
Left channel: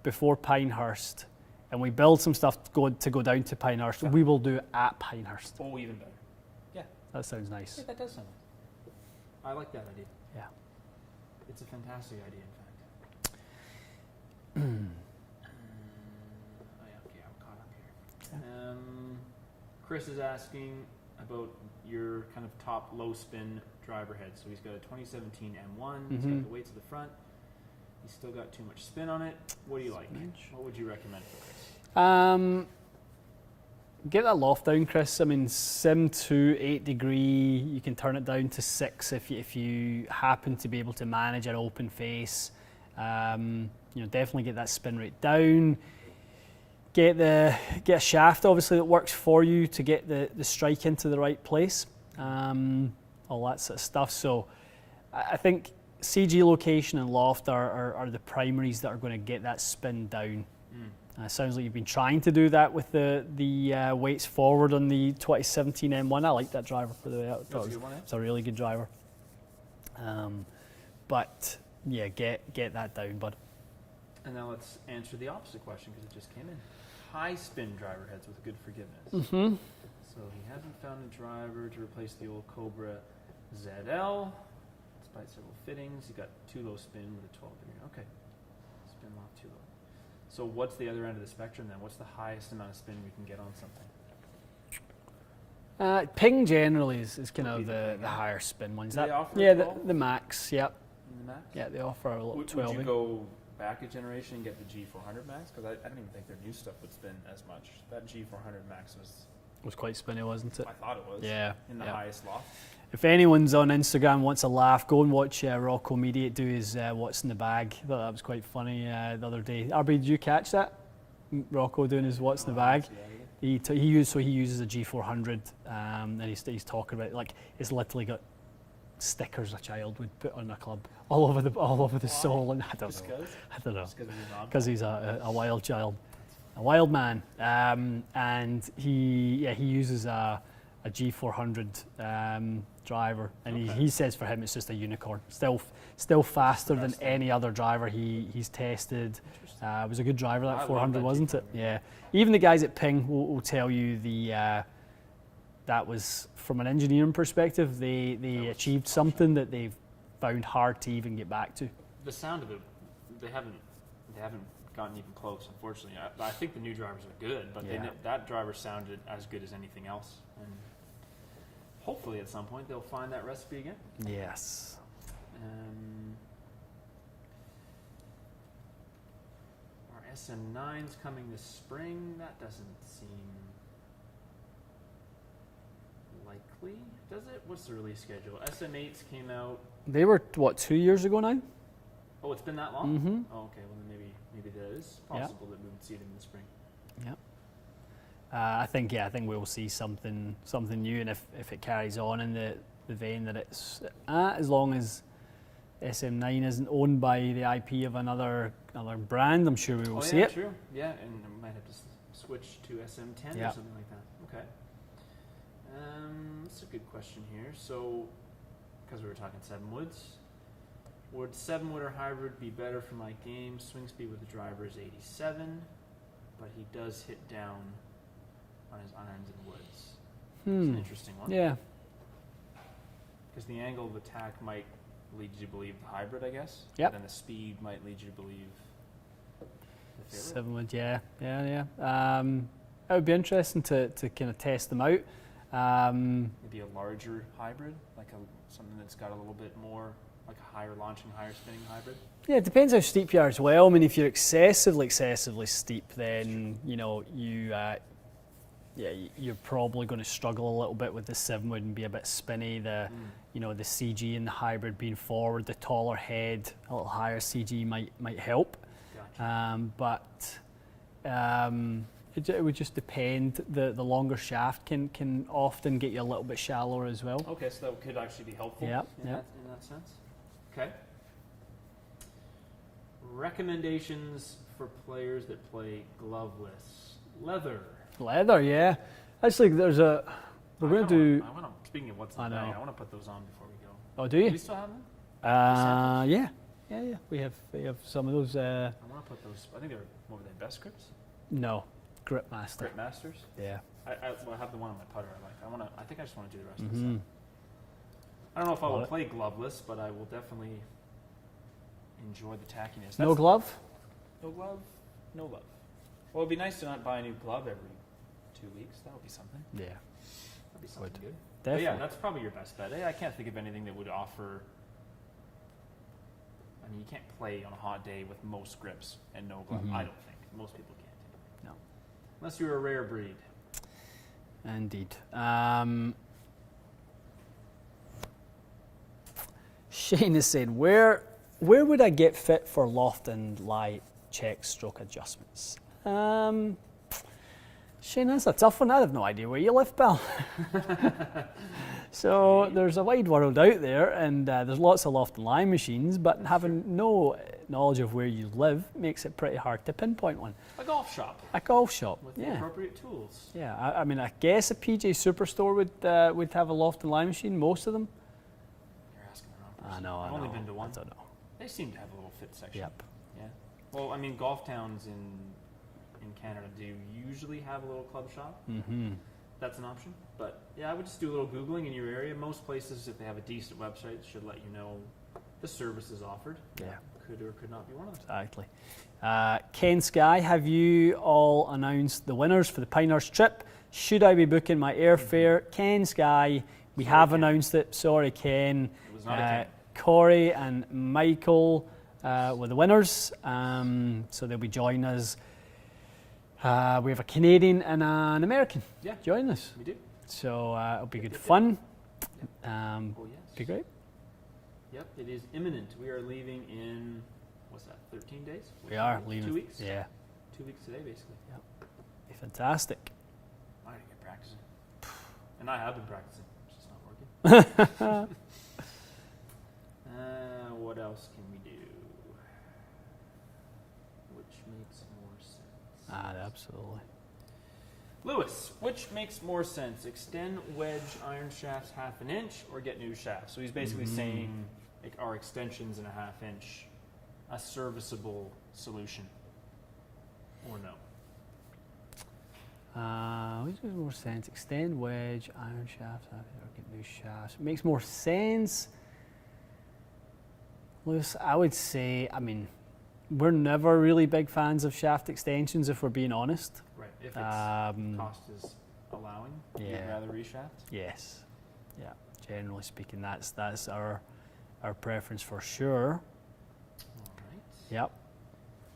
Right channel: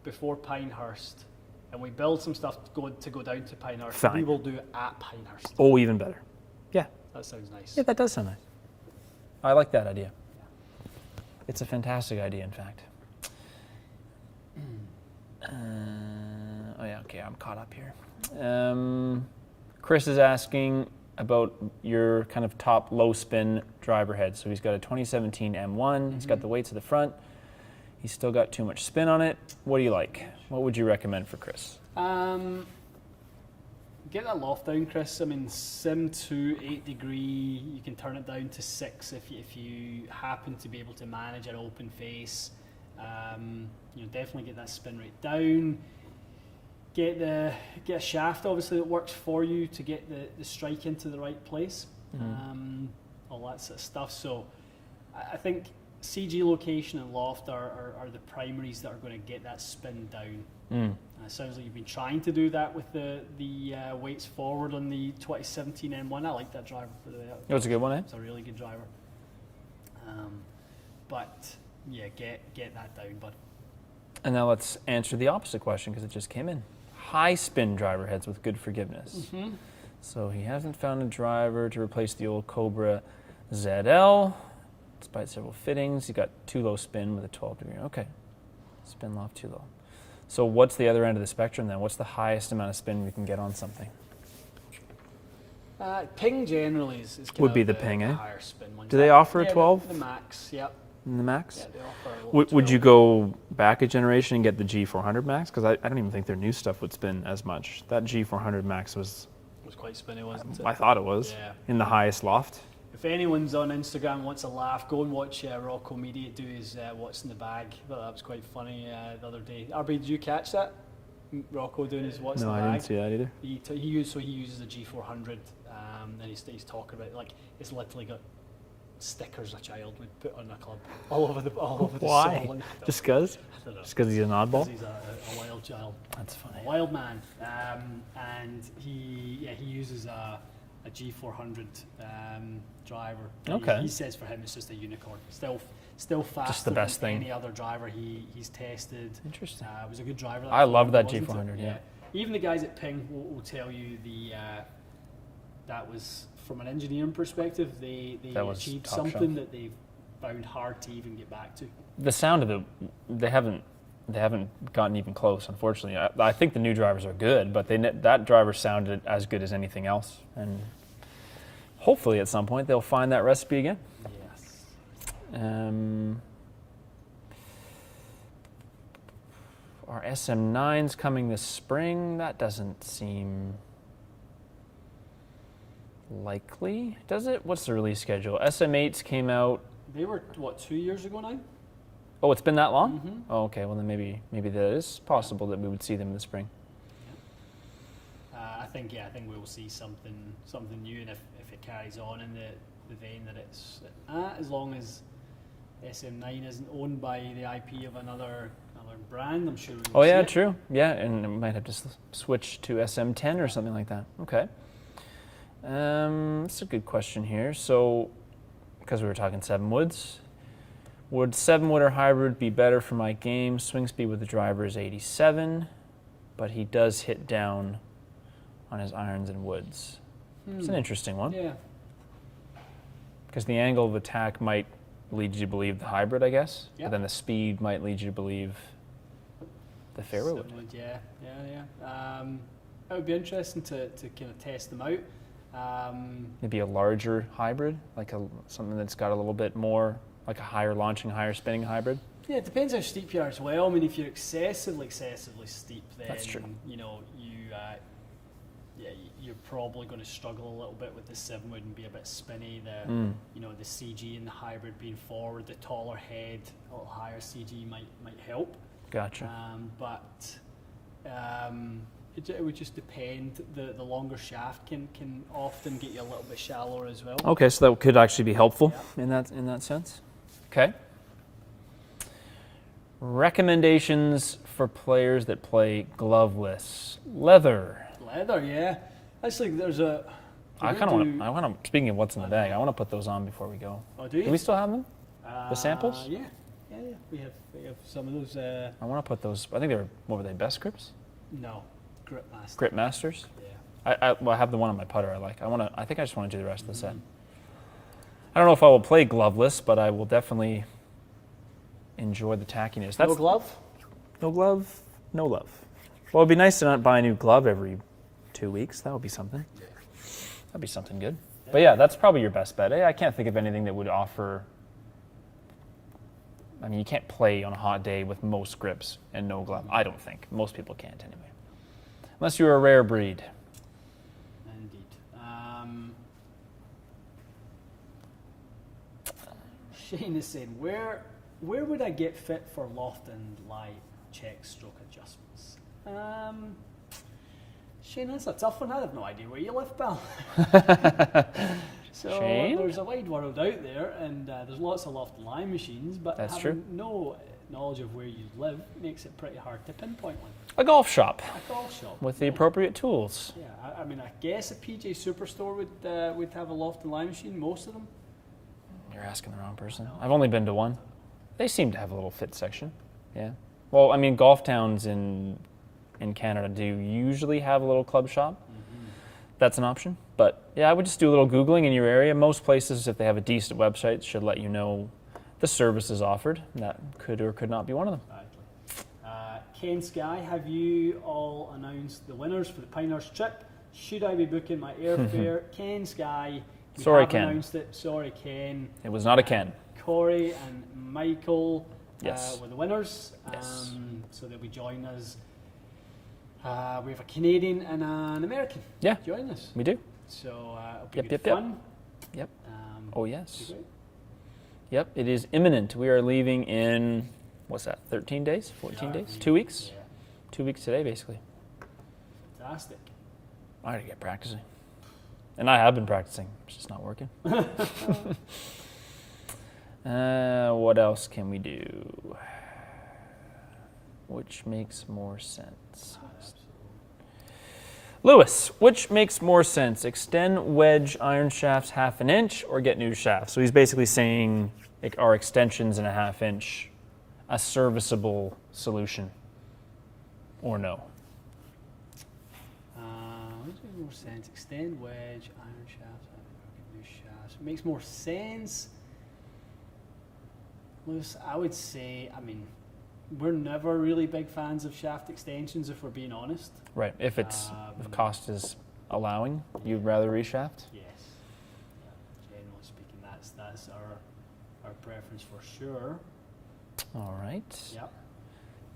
before Pinehurst and we build some stuff to go down to Pinehurst, Fine. we will do it at Pinehurst. Oh, even better. Yeah. That sounds nice. Yeah, that does sound nice. I like that idea. Yeah. It's a fantastic idea, in fact. Okay, I'm caught up here. Chris is asking about your kind of top low spin driver head. So he's got a 2017 M1. He's got the weights at the front. He's still got too much spin on it. What do you like? What would you recommend for Chris? Get that loft down, Chris. I mean, sim to 8 degree. You can turn it down to 6 if you happen to be able to manage an open face. Definitely get that spin rate down. Get a shaft, obviously, that works for you to get the strike into the right place. All that sort of stuff. So I think CG location and loft are the primaries that are going to get that spin down. Sounds like you've been trying to do that with the weights forward on the 2017 M1. I like that driver, for the way. It was a good one, eh? It's a really good driver. But yeah, get that down, bud. And now let's answer the opposite question because it just came in. High spin driver heads with good forgiveness. So he hasn't found a driver to replace the old Cobra ZL. Despite several fittings, he got too low spin with a 12 degree. Okay, spin loft too low. So what's the other end of the spectrum then? What's the highest amount of spin we can get on something? Ping generally is would be the ping, the eh? higher spin ones. Do they offer a 12? The max, yep. The max? Yeah, they offer a lot. Would you go back a generation and get the G400 max? Because I don't even think their new stuff would spin as much. That G400 max was quite spinny, wasn't it? I thought it was. Yeah. In the highest loft. If anyone's on Instagram wants a laugh, go and watch Rocco Mediate do his What's in the Bag. I thought that was quite funny the other day. RB, did you catch that? Rocco doing his What's in the Bag? I didn't see that either. He uses a G400 and he's talking about, like, it's literally got stickers a child would put on a club all over the Why? sole. Just because? I don't know. Just because he's an oddball? Because he's a wild child. That's funny. A wild man. And he uses a G400 driver. And he says for him it's just a unicorn. Still faster than any other driver he's tested. Interesting. It was a good driver. I love that G400. G400. Yeah. Even the guys at Ping will tell you that was, from an engineering perspective, they achieved something that they've found hard to even get back to. The sound of it, they haven't gotten even close, unfortunately. I think the new drivers are good, but that driver sounded as good as anything else. And hopefully at some point they'll find that recipe again. Yes. are SM9s coming this spring? That doesn't seem likely, does it? What's the release schedule? SM8s came out. They were, what, 2 years ago now? Oh, it's been that long? Mm-hmm. Oh, okay. Well, then maybe that is possible that we would see them in the spring. I think we will see something new, and if it carries on in the vein that it's at, as long as SM9 isn't owned by the IP of another brand, I'm sure we will see it. True. Yeah, and it might have to switch to SM10 or something like that. Okay. That's a good question here. So, because we were talking 7-woods, would 7-wood or hybrid be better for my game? Swing speed with the driver is 87, but he does hit down on his irons and woods. It's an interesting one. Yeah. Because the angle of attack might lead you to believe the hybrid, I guess. Yep. And then the speed might lead you to believe the fairway wood. 7-wood, yeah. It would be interesting to kind of test them out. Maybe a larger hybrid, like something that's got a little bit more, like a higher launching, higher spinning hybrid. Yeah, it depends how steep you are as well. I mean, if you're excessively steep, then you're probably going to struggle a little bit with the 7-wood and be a bit spinny. The CG and the hybrid being forward, the taller head, a little higher CG might help. Gotcha. It would just depend. The longer shaft can often get you a little bit shallower as well. Okay, so that could actually be helpful in that sense. Okay. Recommendations for players that play gloveless. Leather, yeah. Actually, there's a. I want to. Speaking of what's in the bag, I want to put those on before we go. Oh, do you? Do we still have them? The samples? Yeah. We have some of those. I want to put those. I think they're, what were they? Best grips? No, Grip Master. Grip Masters. Yeah. I have the one on my putter I like. I think I just want to do the rest of the set. I don't know if I will play gloveless, but I will definitely enjoy the tackiness. No glove? No glove, no love. Well, it'd be nice to not buy a new glove every 2 weeks. That would be something. Yeah. That'd be something good. Definitely. But yeah, that's probably your best bet. I can't think of anything that would offer. I mean, you can't play on a hot day with most grips and no glove. I don't think. Most people can't anyway. No. Unless you're a rare breed. Indeed. Shane is saying, where would I get fit for loft and lie check stroke adjustments? Shane, that's a tough one. I have no idea where you live, pal. So Shane? There's a wide world out there, and there's lots of loft and lie machines, but That's having no knowledge of where you live makes it pretty hard to pinpoint one. A golf shop. A golf shop. With the appropriate tools. Yeah, I mean, I guess a PGA Superstore would have a loft and lie machine, most of them. You're asking the wrong person. know, I've only been to one. I don't know. They seem to have a little fit section. Yep. Yeah. Well, I mean, golf towns in Canada do usually have a little club shop. That's an option. But yeah, I would just do a little Googling in your area. Most places, if they have a decent website, should let you know the services offered. That could or could not be one of them. Exactly. Ken Sky, have you all announced the winners for the Pinehurst trip? Should I be booking my airfare? Ken Sky, we Sorry, have Ken. announced it. Sorry, Ken. It was not a Ken. Corey and Michael Yes. were the winners. Yes. So they'll be joining us. We have a Canadian and an American joining us. We do. So it'll be Yep, good yep, fun. Yep. Oh, yes. Be great. Yep, it is imminent. We are leaving in, what's that, 13 days? 14 days? leaving. 2 weeks? Yeah. 2 weeks today, basically. Be fantastic. I gotta get practicing. And I have been practicing. It's just not working. What else can we do? Which makes more sense? Absolutely. Lewis, which makes more sense? Extend wedge iron shafts 1/2 inch or get new shafts? So he's basically saying, like, are extensions in 1/2 inch a serviceable solution or no? Which makes more sense? Extend wedge, iron shafts, or get new shafts. It makes more sense. Lewis, I would say, I mean, we're never really big fans of shaft extensions, if we're being honest. Right, if if cost is allowing, you'd Yeah. rather reshaft? Yes. Yeah. Generally speaking, that's our preference for sure. All right. Yep.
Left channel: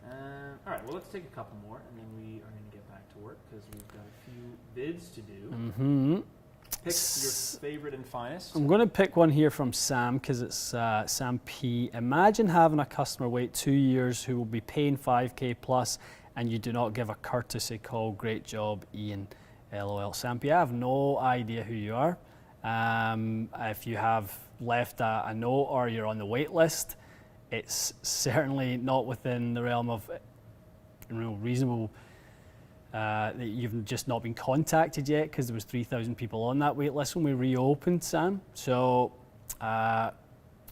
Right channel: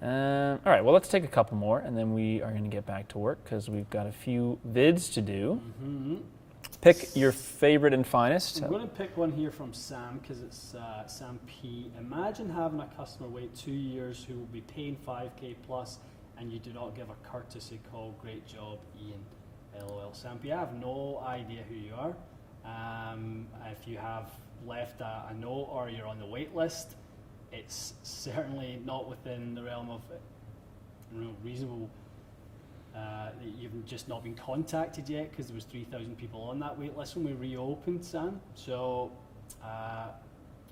All right, well, let's take a couple more, and then we are going to get back to work because we've got a few vids to do. Mm-hmm. Pick your favorite and finest. I'm going to pick one here from Sam because it's Sam P. Imagine having a customer wait 2 years who will be paying $5K plus, and you do not give a courtesy call. Great job, Ian. LOL. Sam P. I have no idea who you are. If you have left a note or you're on the wait list, it's certainly not within the realm of reasonable that you've just not been contacted yet, because there was 3,000 people on that wait list when we reopened, Sam. So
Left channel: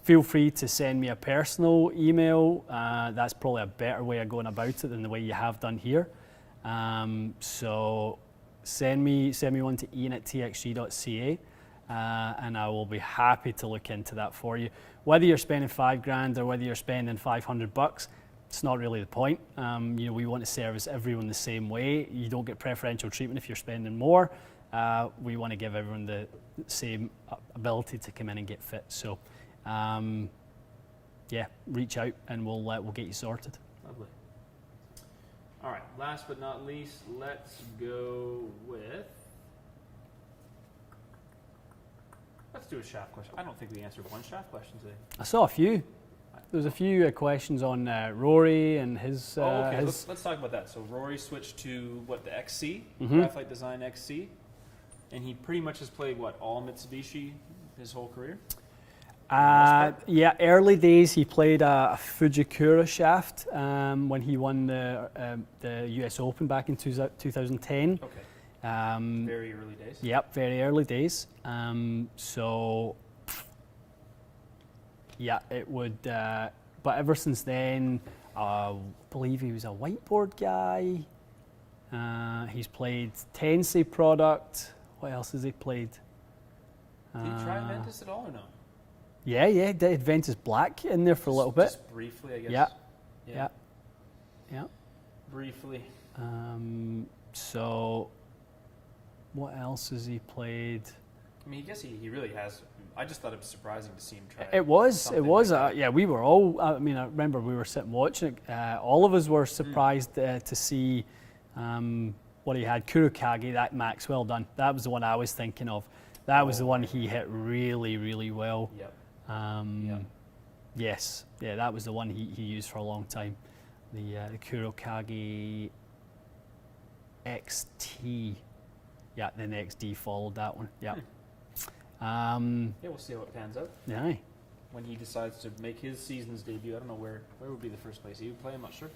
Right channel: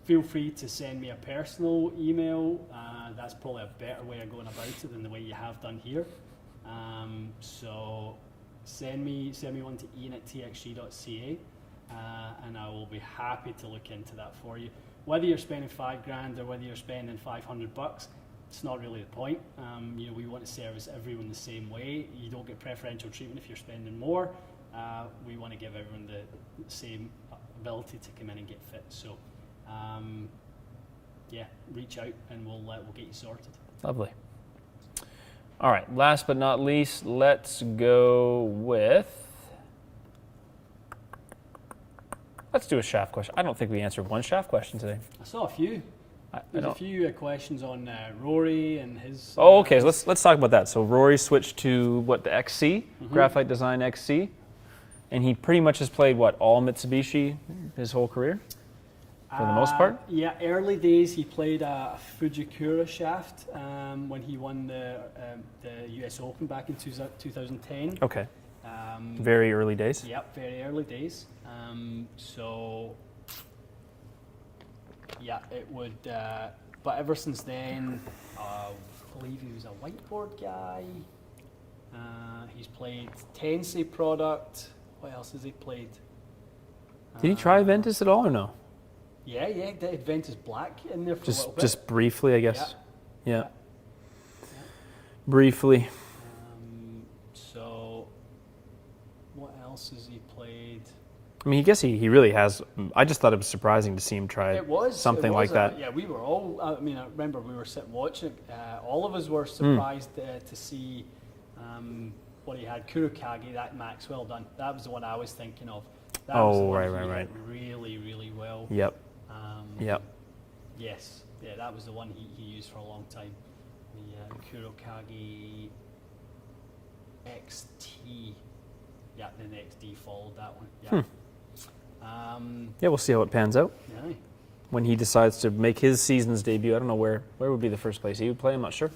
feel free to send me a personal email. That's probably a better way of going about it than the way you have done here. So send me one to ian@txg.ca, and I will be happy to look into that for you. Whether you're spending $5,000 or whether you're spending $500, it's not really the point. We want to service everyone the same way. You don't get preferential treatment if you're spending more. We want to give everyone the same ability to come in and get fit. So, reach out and we'll get you sorted. Lovely. All right, last but not least, let's go with... Let's do a shaft question. I don't think we answered one shaft question today. I saw a few. There's a few questions on Rory and his... okay, so let's talk about that. So Rory switched to, the XC, Graphite Design XC, and he pretty much has played, all Mitsubishi his whole career? For the most part? Yeah, early days he played a Fujikura shaft when he won the US Open back in 2010. Okay. Very early days? Yep, very early days. It would, but ever since then, I believe he was a whiteboard guy. He's played Tensei product. What else has he played? Did he try Ventus at all or no? Yeah, did Ventus Black in there for a little bit. Just briefly, I guess. Yeah. Briefly. So, what else has he played? I mean, I guess he really has. I just thought it was surprising to see him try something like that. Yeah, we were all, I remember we were sitting watching it. All of us were surprised to see what he had. Kurokage, that max, well done. That was the one I was thinking of. That was the one he hit really, really well. Yep. Yes. Yeah, that was the one he used for a long time. The Kurokage XT. Yeah, then the XD followed that one. Yeah. We'll see how it pans out. Yeah. When he decides to make his season's debut, I don't know where would be the first place he would play. I'm not sure.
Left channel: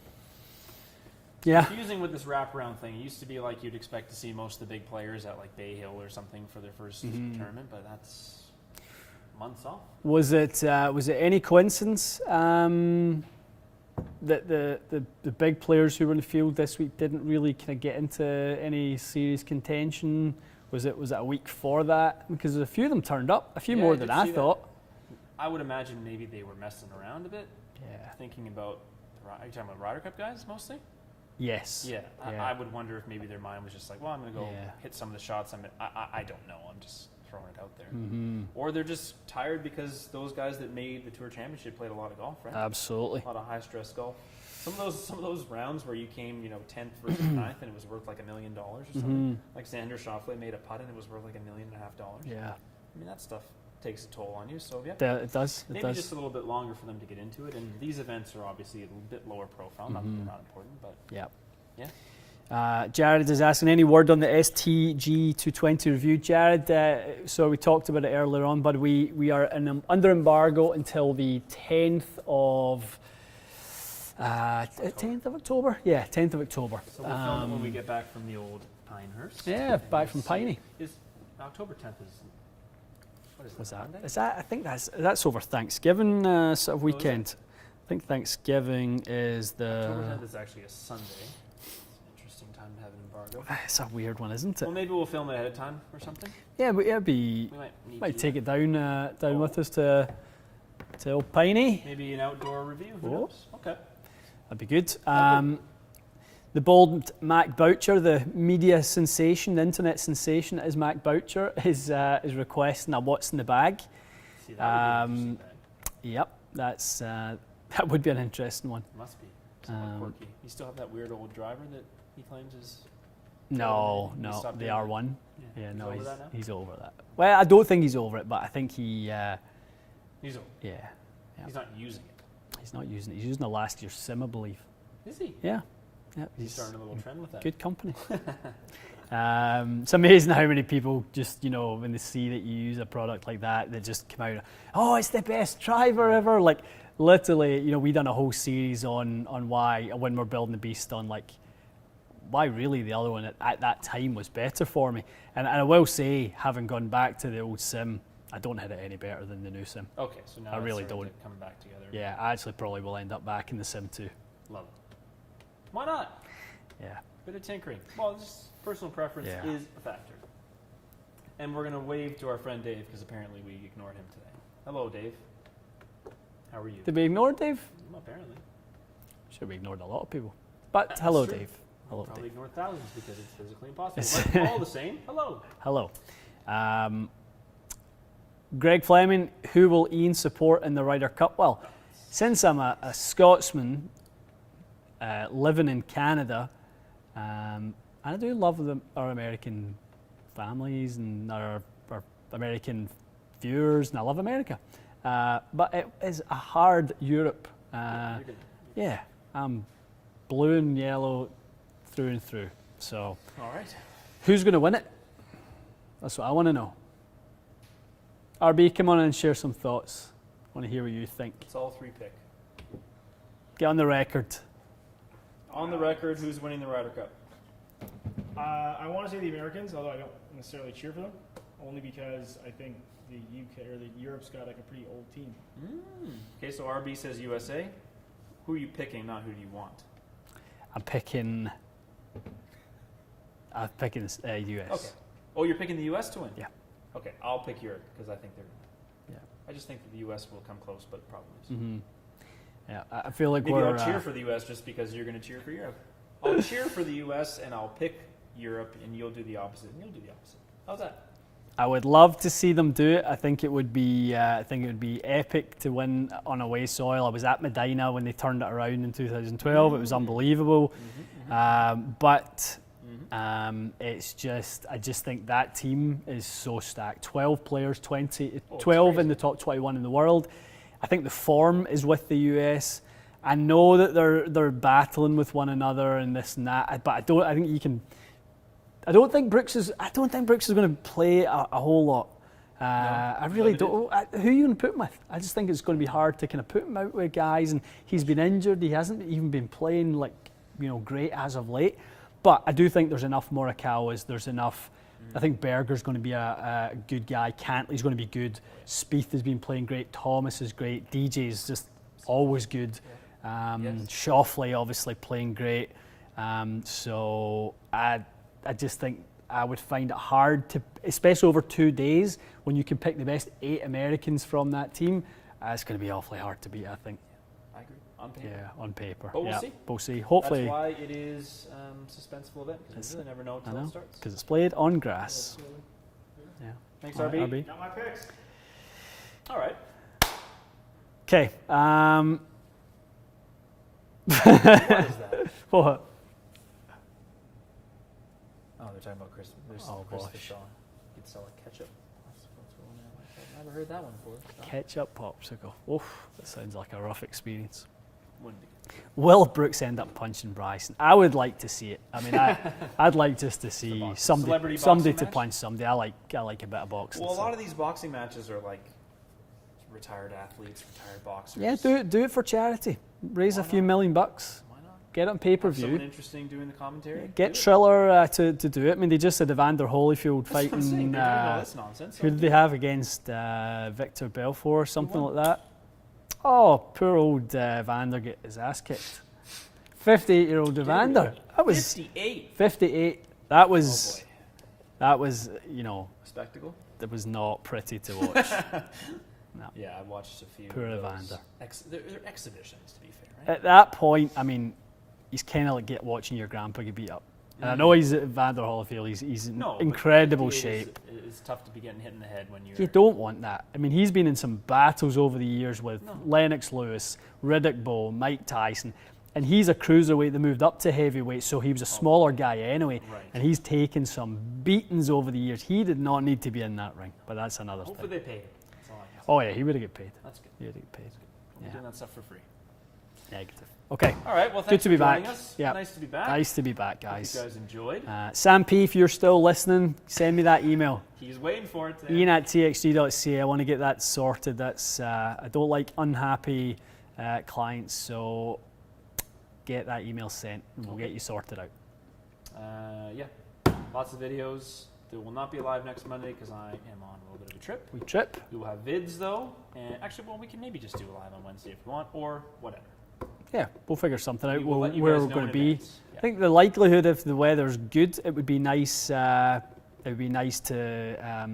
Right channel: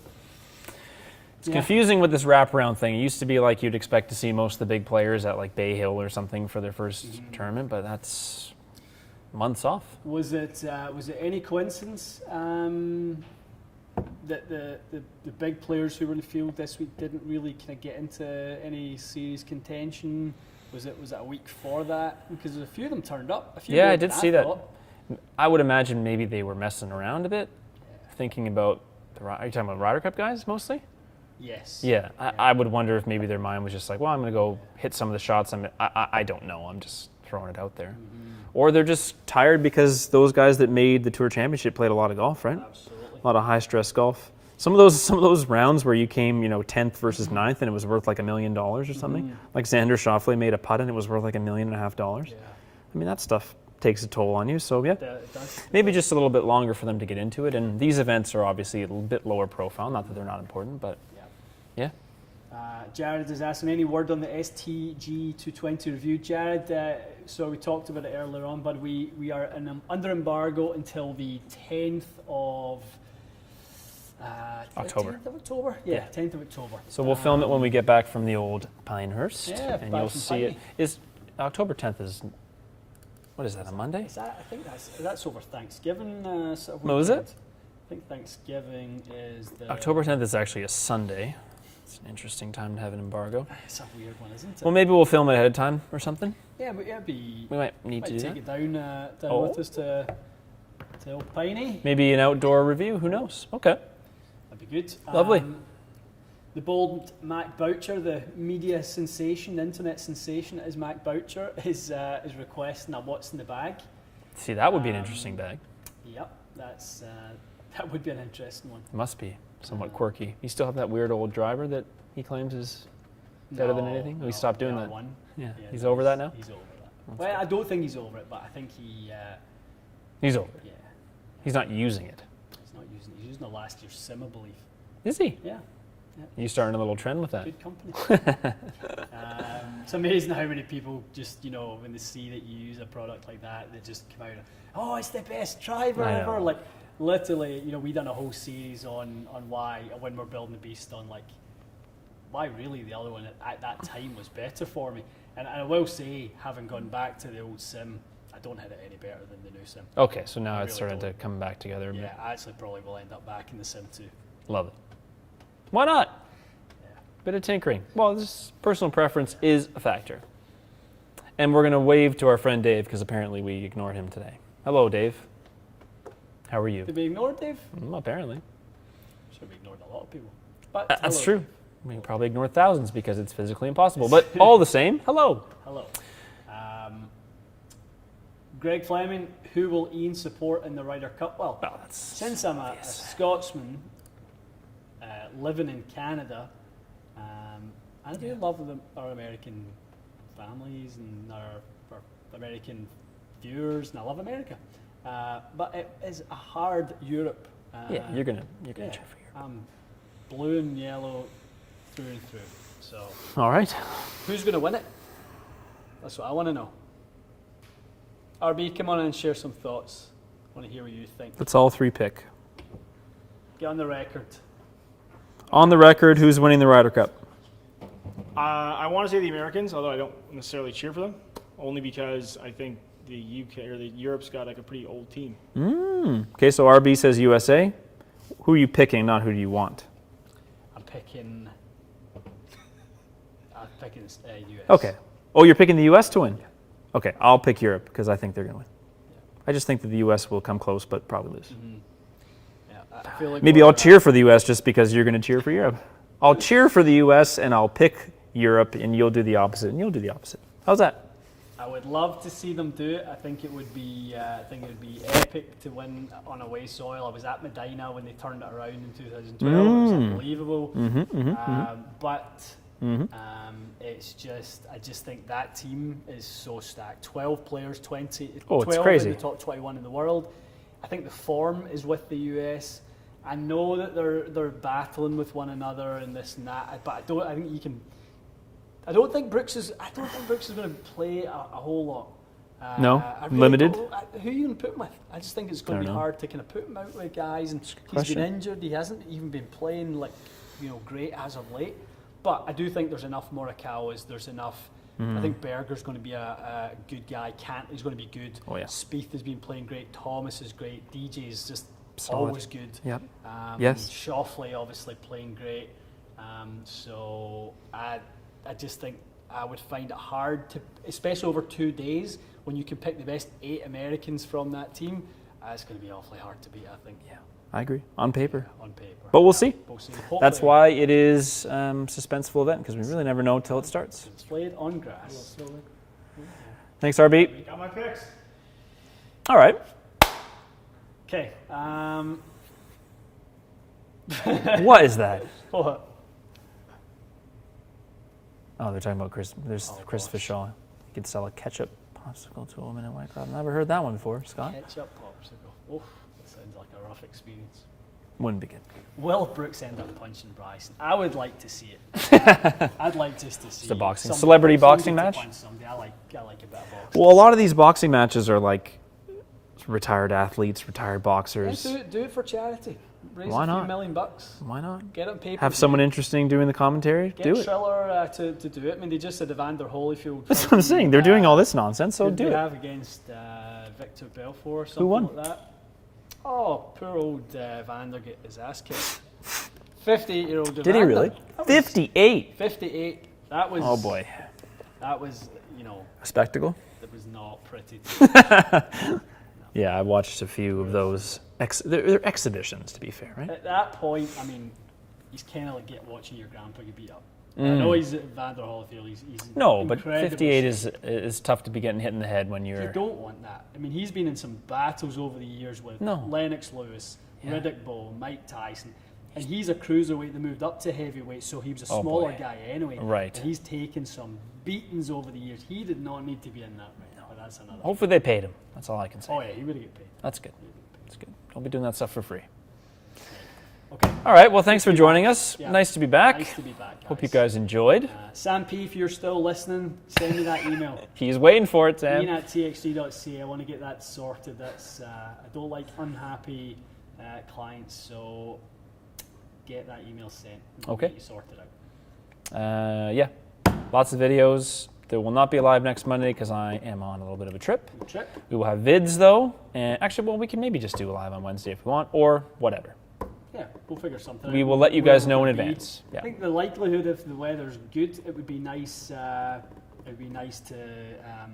It's confusing with this wraparound thing. It used to be like you'd expect to see most of the big players at Bay Hill or something for their first tournament, but that's months off. Was it any coincidence that the big players who were in the field this week didn't really kind of get into any serious contention? Was it a week for that? Because a few of them turned up. A few more than I thought. I would imagine maybe they were messing around a bit. Yeah. Thinking about are you talking about Ryder Cup guys mostly? Yes. Yeah. I would wonder if maybe their mind was just like, well, I'm going to go hit some of the shots. I don't know. I'm just throwing it out there. Or they're just tired because those guys that made the Tour Championship played a lot of golf, right? Absolutely. A lot of high stress golf. Some of those rounds where you came, 10th versus 9th and it was worth $1 million or something. Like Xander Schauffele made a putt and it was worth $1.5 million. Yeah. I mean, that stuff takes a toll on you. So yeah, it does. Maybe just a little bit longer for them to get into it. And these events are obviously a little bit lower profile. Not that they're not important, but yeah. Jared is asking, any word on the STG 220 review? Jared, so we talked about it earlier on, but we are under embargo until the 10th of October. 10th of October? Yeah, 10th of October. So we'll film it when we get back from the old Pinehurst. Yeah, and back from Piney. Is October 10th is, what is that, a Monday? I think that's over Thanksgiving sort of weekend. No, is it? I think Thanksgiving is the... October 10th is actually a Sunday. It's an interesting time to have an embargo. It's a weird one, isn't it? Well, maybe we'll film it ahead of time or something. Yeah, but it'd be... We might need to take it down with us to old Piney. Maybe an outdoor review, who knows? Okay. That'd be good. Lovely. The bold Mac Boucher, the media sensation, the internet sensation that is Mac Boucher, is requesting a what's in the bag. See, that would be an interesting bag. Yep, that would be an interesting one. Must be. somewhat quirky. You still have that weird old driver that he claims is better than anything? No, he stopped doing the that. R1. Yeah. He's over that now? He's over that. Well, I don't think he's over it, but I think He's over it. yeah. He's not using it. He's not using it. He's using the last year's sim, I believe. Is he? Yeah. You're starting a little trend with that. Good company. It's amazing how many people just, when they see that you use a product like that, they just come out, oh, it's the best driver ever. Like, literally, we done a whole series on why, when we're building the beast, on like, why really the other one at that time was better for me. And I will say, having gone back to the old sim, I don't hit it any better than the new sim. Okay, so now it's really starting to don't. come back together. Yeah, I actually probably will end up back in the sim too. Love it. Why not? Yeah. Bit of tinkering. Well, this personal preference Yeah. is a factor. And we're going to wave to our friend Dave because apparently we ignored him today. Hello, Dave. How are you? Did we ignore Dave? Apparently. Sure, we ignored a lot of people. But That's hello, true. Dave. We Hello, probably ignored thousands because it's physically impossible. But all the same, hello. Hello. Greg Fleming, who will Ian support in the Ryder Cup? Well, since I'm a Scotsman living in Canada, I do love our American families and our American viewers, and I love America. But it is a hard Europe. You're gonna cheer for Europe. I'm blue and yellow through and through. So, all right. who's going to win it? That's what I want to know. RB, come on and share some thoughts. I want to hear what you think. Let's all three pick. Get on the record. On the record, who's winning the Ryder Cup? I want to say the Americans, although I don't necessarily cheer for them, only because I think the UK or the Europe's got like a pretty old team. Okay, so RB says USA. Who are you picking, not who do you want? I'm picking US. Okay. Oh, you're picking the US to win? Yeah. Okay, I'll pick Europe because I think they're going to win. Yeah. I just think that the US will come close but probably lose. Mm-hmm. Yeah, I feel like Maybe I'll cheer for the US just because you're going to cheer for Europe. I'll cheer for the US and I'll pick Europe and you'll do the opposite and you'll do the opposite. How's that? I would love to see them do it. I think it would be epic to win on away soil. I was at Medina when they turned it around in 2012. It was unbelievable. But it's just, I just think that team is so stacked. 12 players, 12 in the top 21 in the world. I think the form is with the US. I know that they're battling with one another and this and that, but I don't think Brooks is going to play a whole lot. Limited. Who are you going to put him with? I just think it's going to be hard to kind of put him out with guys, and he's been injured. He hasn't even been playing great as of late. But I do think there's enough Morikawas. There's enough. I think Berger's going to be a good guy. Cantley's going to be good. Oh, yeah. Spieth has been playing great. Thomas is great. DJ is just Solid. always good. Yep. Yes. Shoffley obviously playing great. So I just think I would find it hard to, especially over 2 days, when you can pick the best 8 Americans from that team. It's going to be awfully hard to beat, I think. Yeah, I agree. On paper. Yeah, on paper. But we'll see. We'll see. Hopefully, That's why it is a suspenseful event, because we really never know until it starts. because it's played on grass. Thanks, RB. Got my picks. All right. Okay. What is that? What? Oh, they're talking about Chris. There's Chris Fishaw. You could sell a ketchup popsicle to a woman in White Cloud. I've never heard that one before, Scott. Ketchup popsicle. Oof, that sounds like a rough experience. Wouldn't be good. Will Brooks end up punching Bryson? I would like to see it. I mean, I'd like just to see celebrity boxing to match? punch somebody. I like a bit of boxing. Well, a lot of these boxing matches are like retired athletes, retired boxers. Yeah, do it for charity. Raise Why a few not? $1 million. Why not? Get it on paper. Have someone interesting doing the commentary. Get do it. Triller to do it. I mean, they just had Evander Holyfield. That's what I'm saying. They're doing all this nonsense. So Who did do they it. have against Victor Belfort or something won? like that? Oh, poor old Evander get his ass kicked. 58-year-old Evander. Did he really? 58. 58. That was. Oh boy. That was, A spectacle. that was not pretty to watch. Yeah, I watched a few Poor of those. They're exhibitions, to be fair, right? At that point, I mean, he's kind of like watching your grandpa get beat up. And I know he's Evander Holyfield. He's in incredible but 58 shape. is tough to be getting hit in the head when you're. You don't want that. I mean, he's been in some battles over the years with No. Lennox Lewis, Riddick Bowe, Mike Tyson, And he's a cruiserweight that moved up to heavyweight, so he was a Oh, smaller boy. guy anyway. Right. And he's taken some beatings over the years. He did not need to be in that ring, but that's another Hopefully they paid him. That's all I can say. Oh yeah, he would have get paid. That's good. He would get paid. That's good. Don't be doing that stuff for free. Negative. Okay. All right. Well, thanks Good for to be joining back. us. Yeah. Nice to be back. Nice to be back, guys. Hope you guys enjoyed. Sam P, if you're still listening, send me that email. He's waiting for it, Sam. Ian at txg.ca. I want to get that sorted. That's I don't like unhappy clients, so get that email sent. We'll Okay. get you sorted out. Yeah. Lots of videos. There will not be live next Monday because I am on a little bit of a trip. Good trip. We will have vids though, and actually, well, we can maybe just do a live on Wednesday if we want, or whatever. Yeah, we'll figure something out. We will let you where guys we're know in gonna be. advance. Yeah. I think the likelihood, if the weather's good, it would be nice. It would be nice to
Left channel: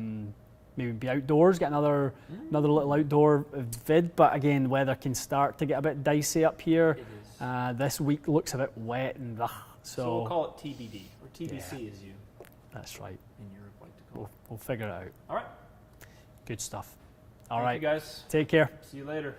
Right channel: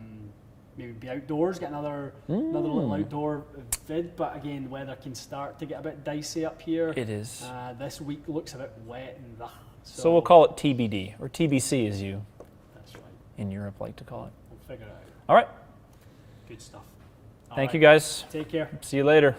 maybe be outdoors, get another little outdoor vid. But again, weather can start to get a bit dicey up here. It is. This week looks a bit wet and So we'll call it TBD, or TBC as you That's right. in Europe like to call it. We'll figure it out. All right. Good stuff. Thank you guys. Take care. See you later.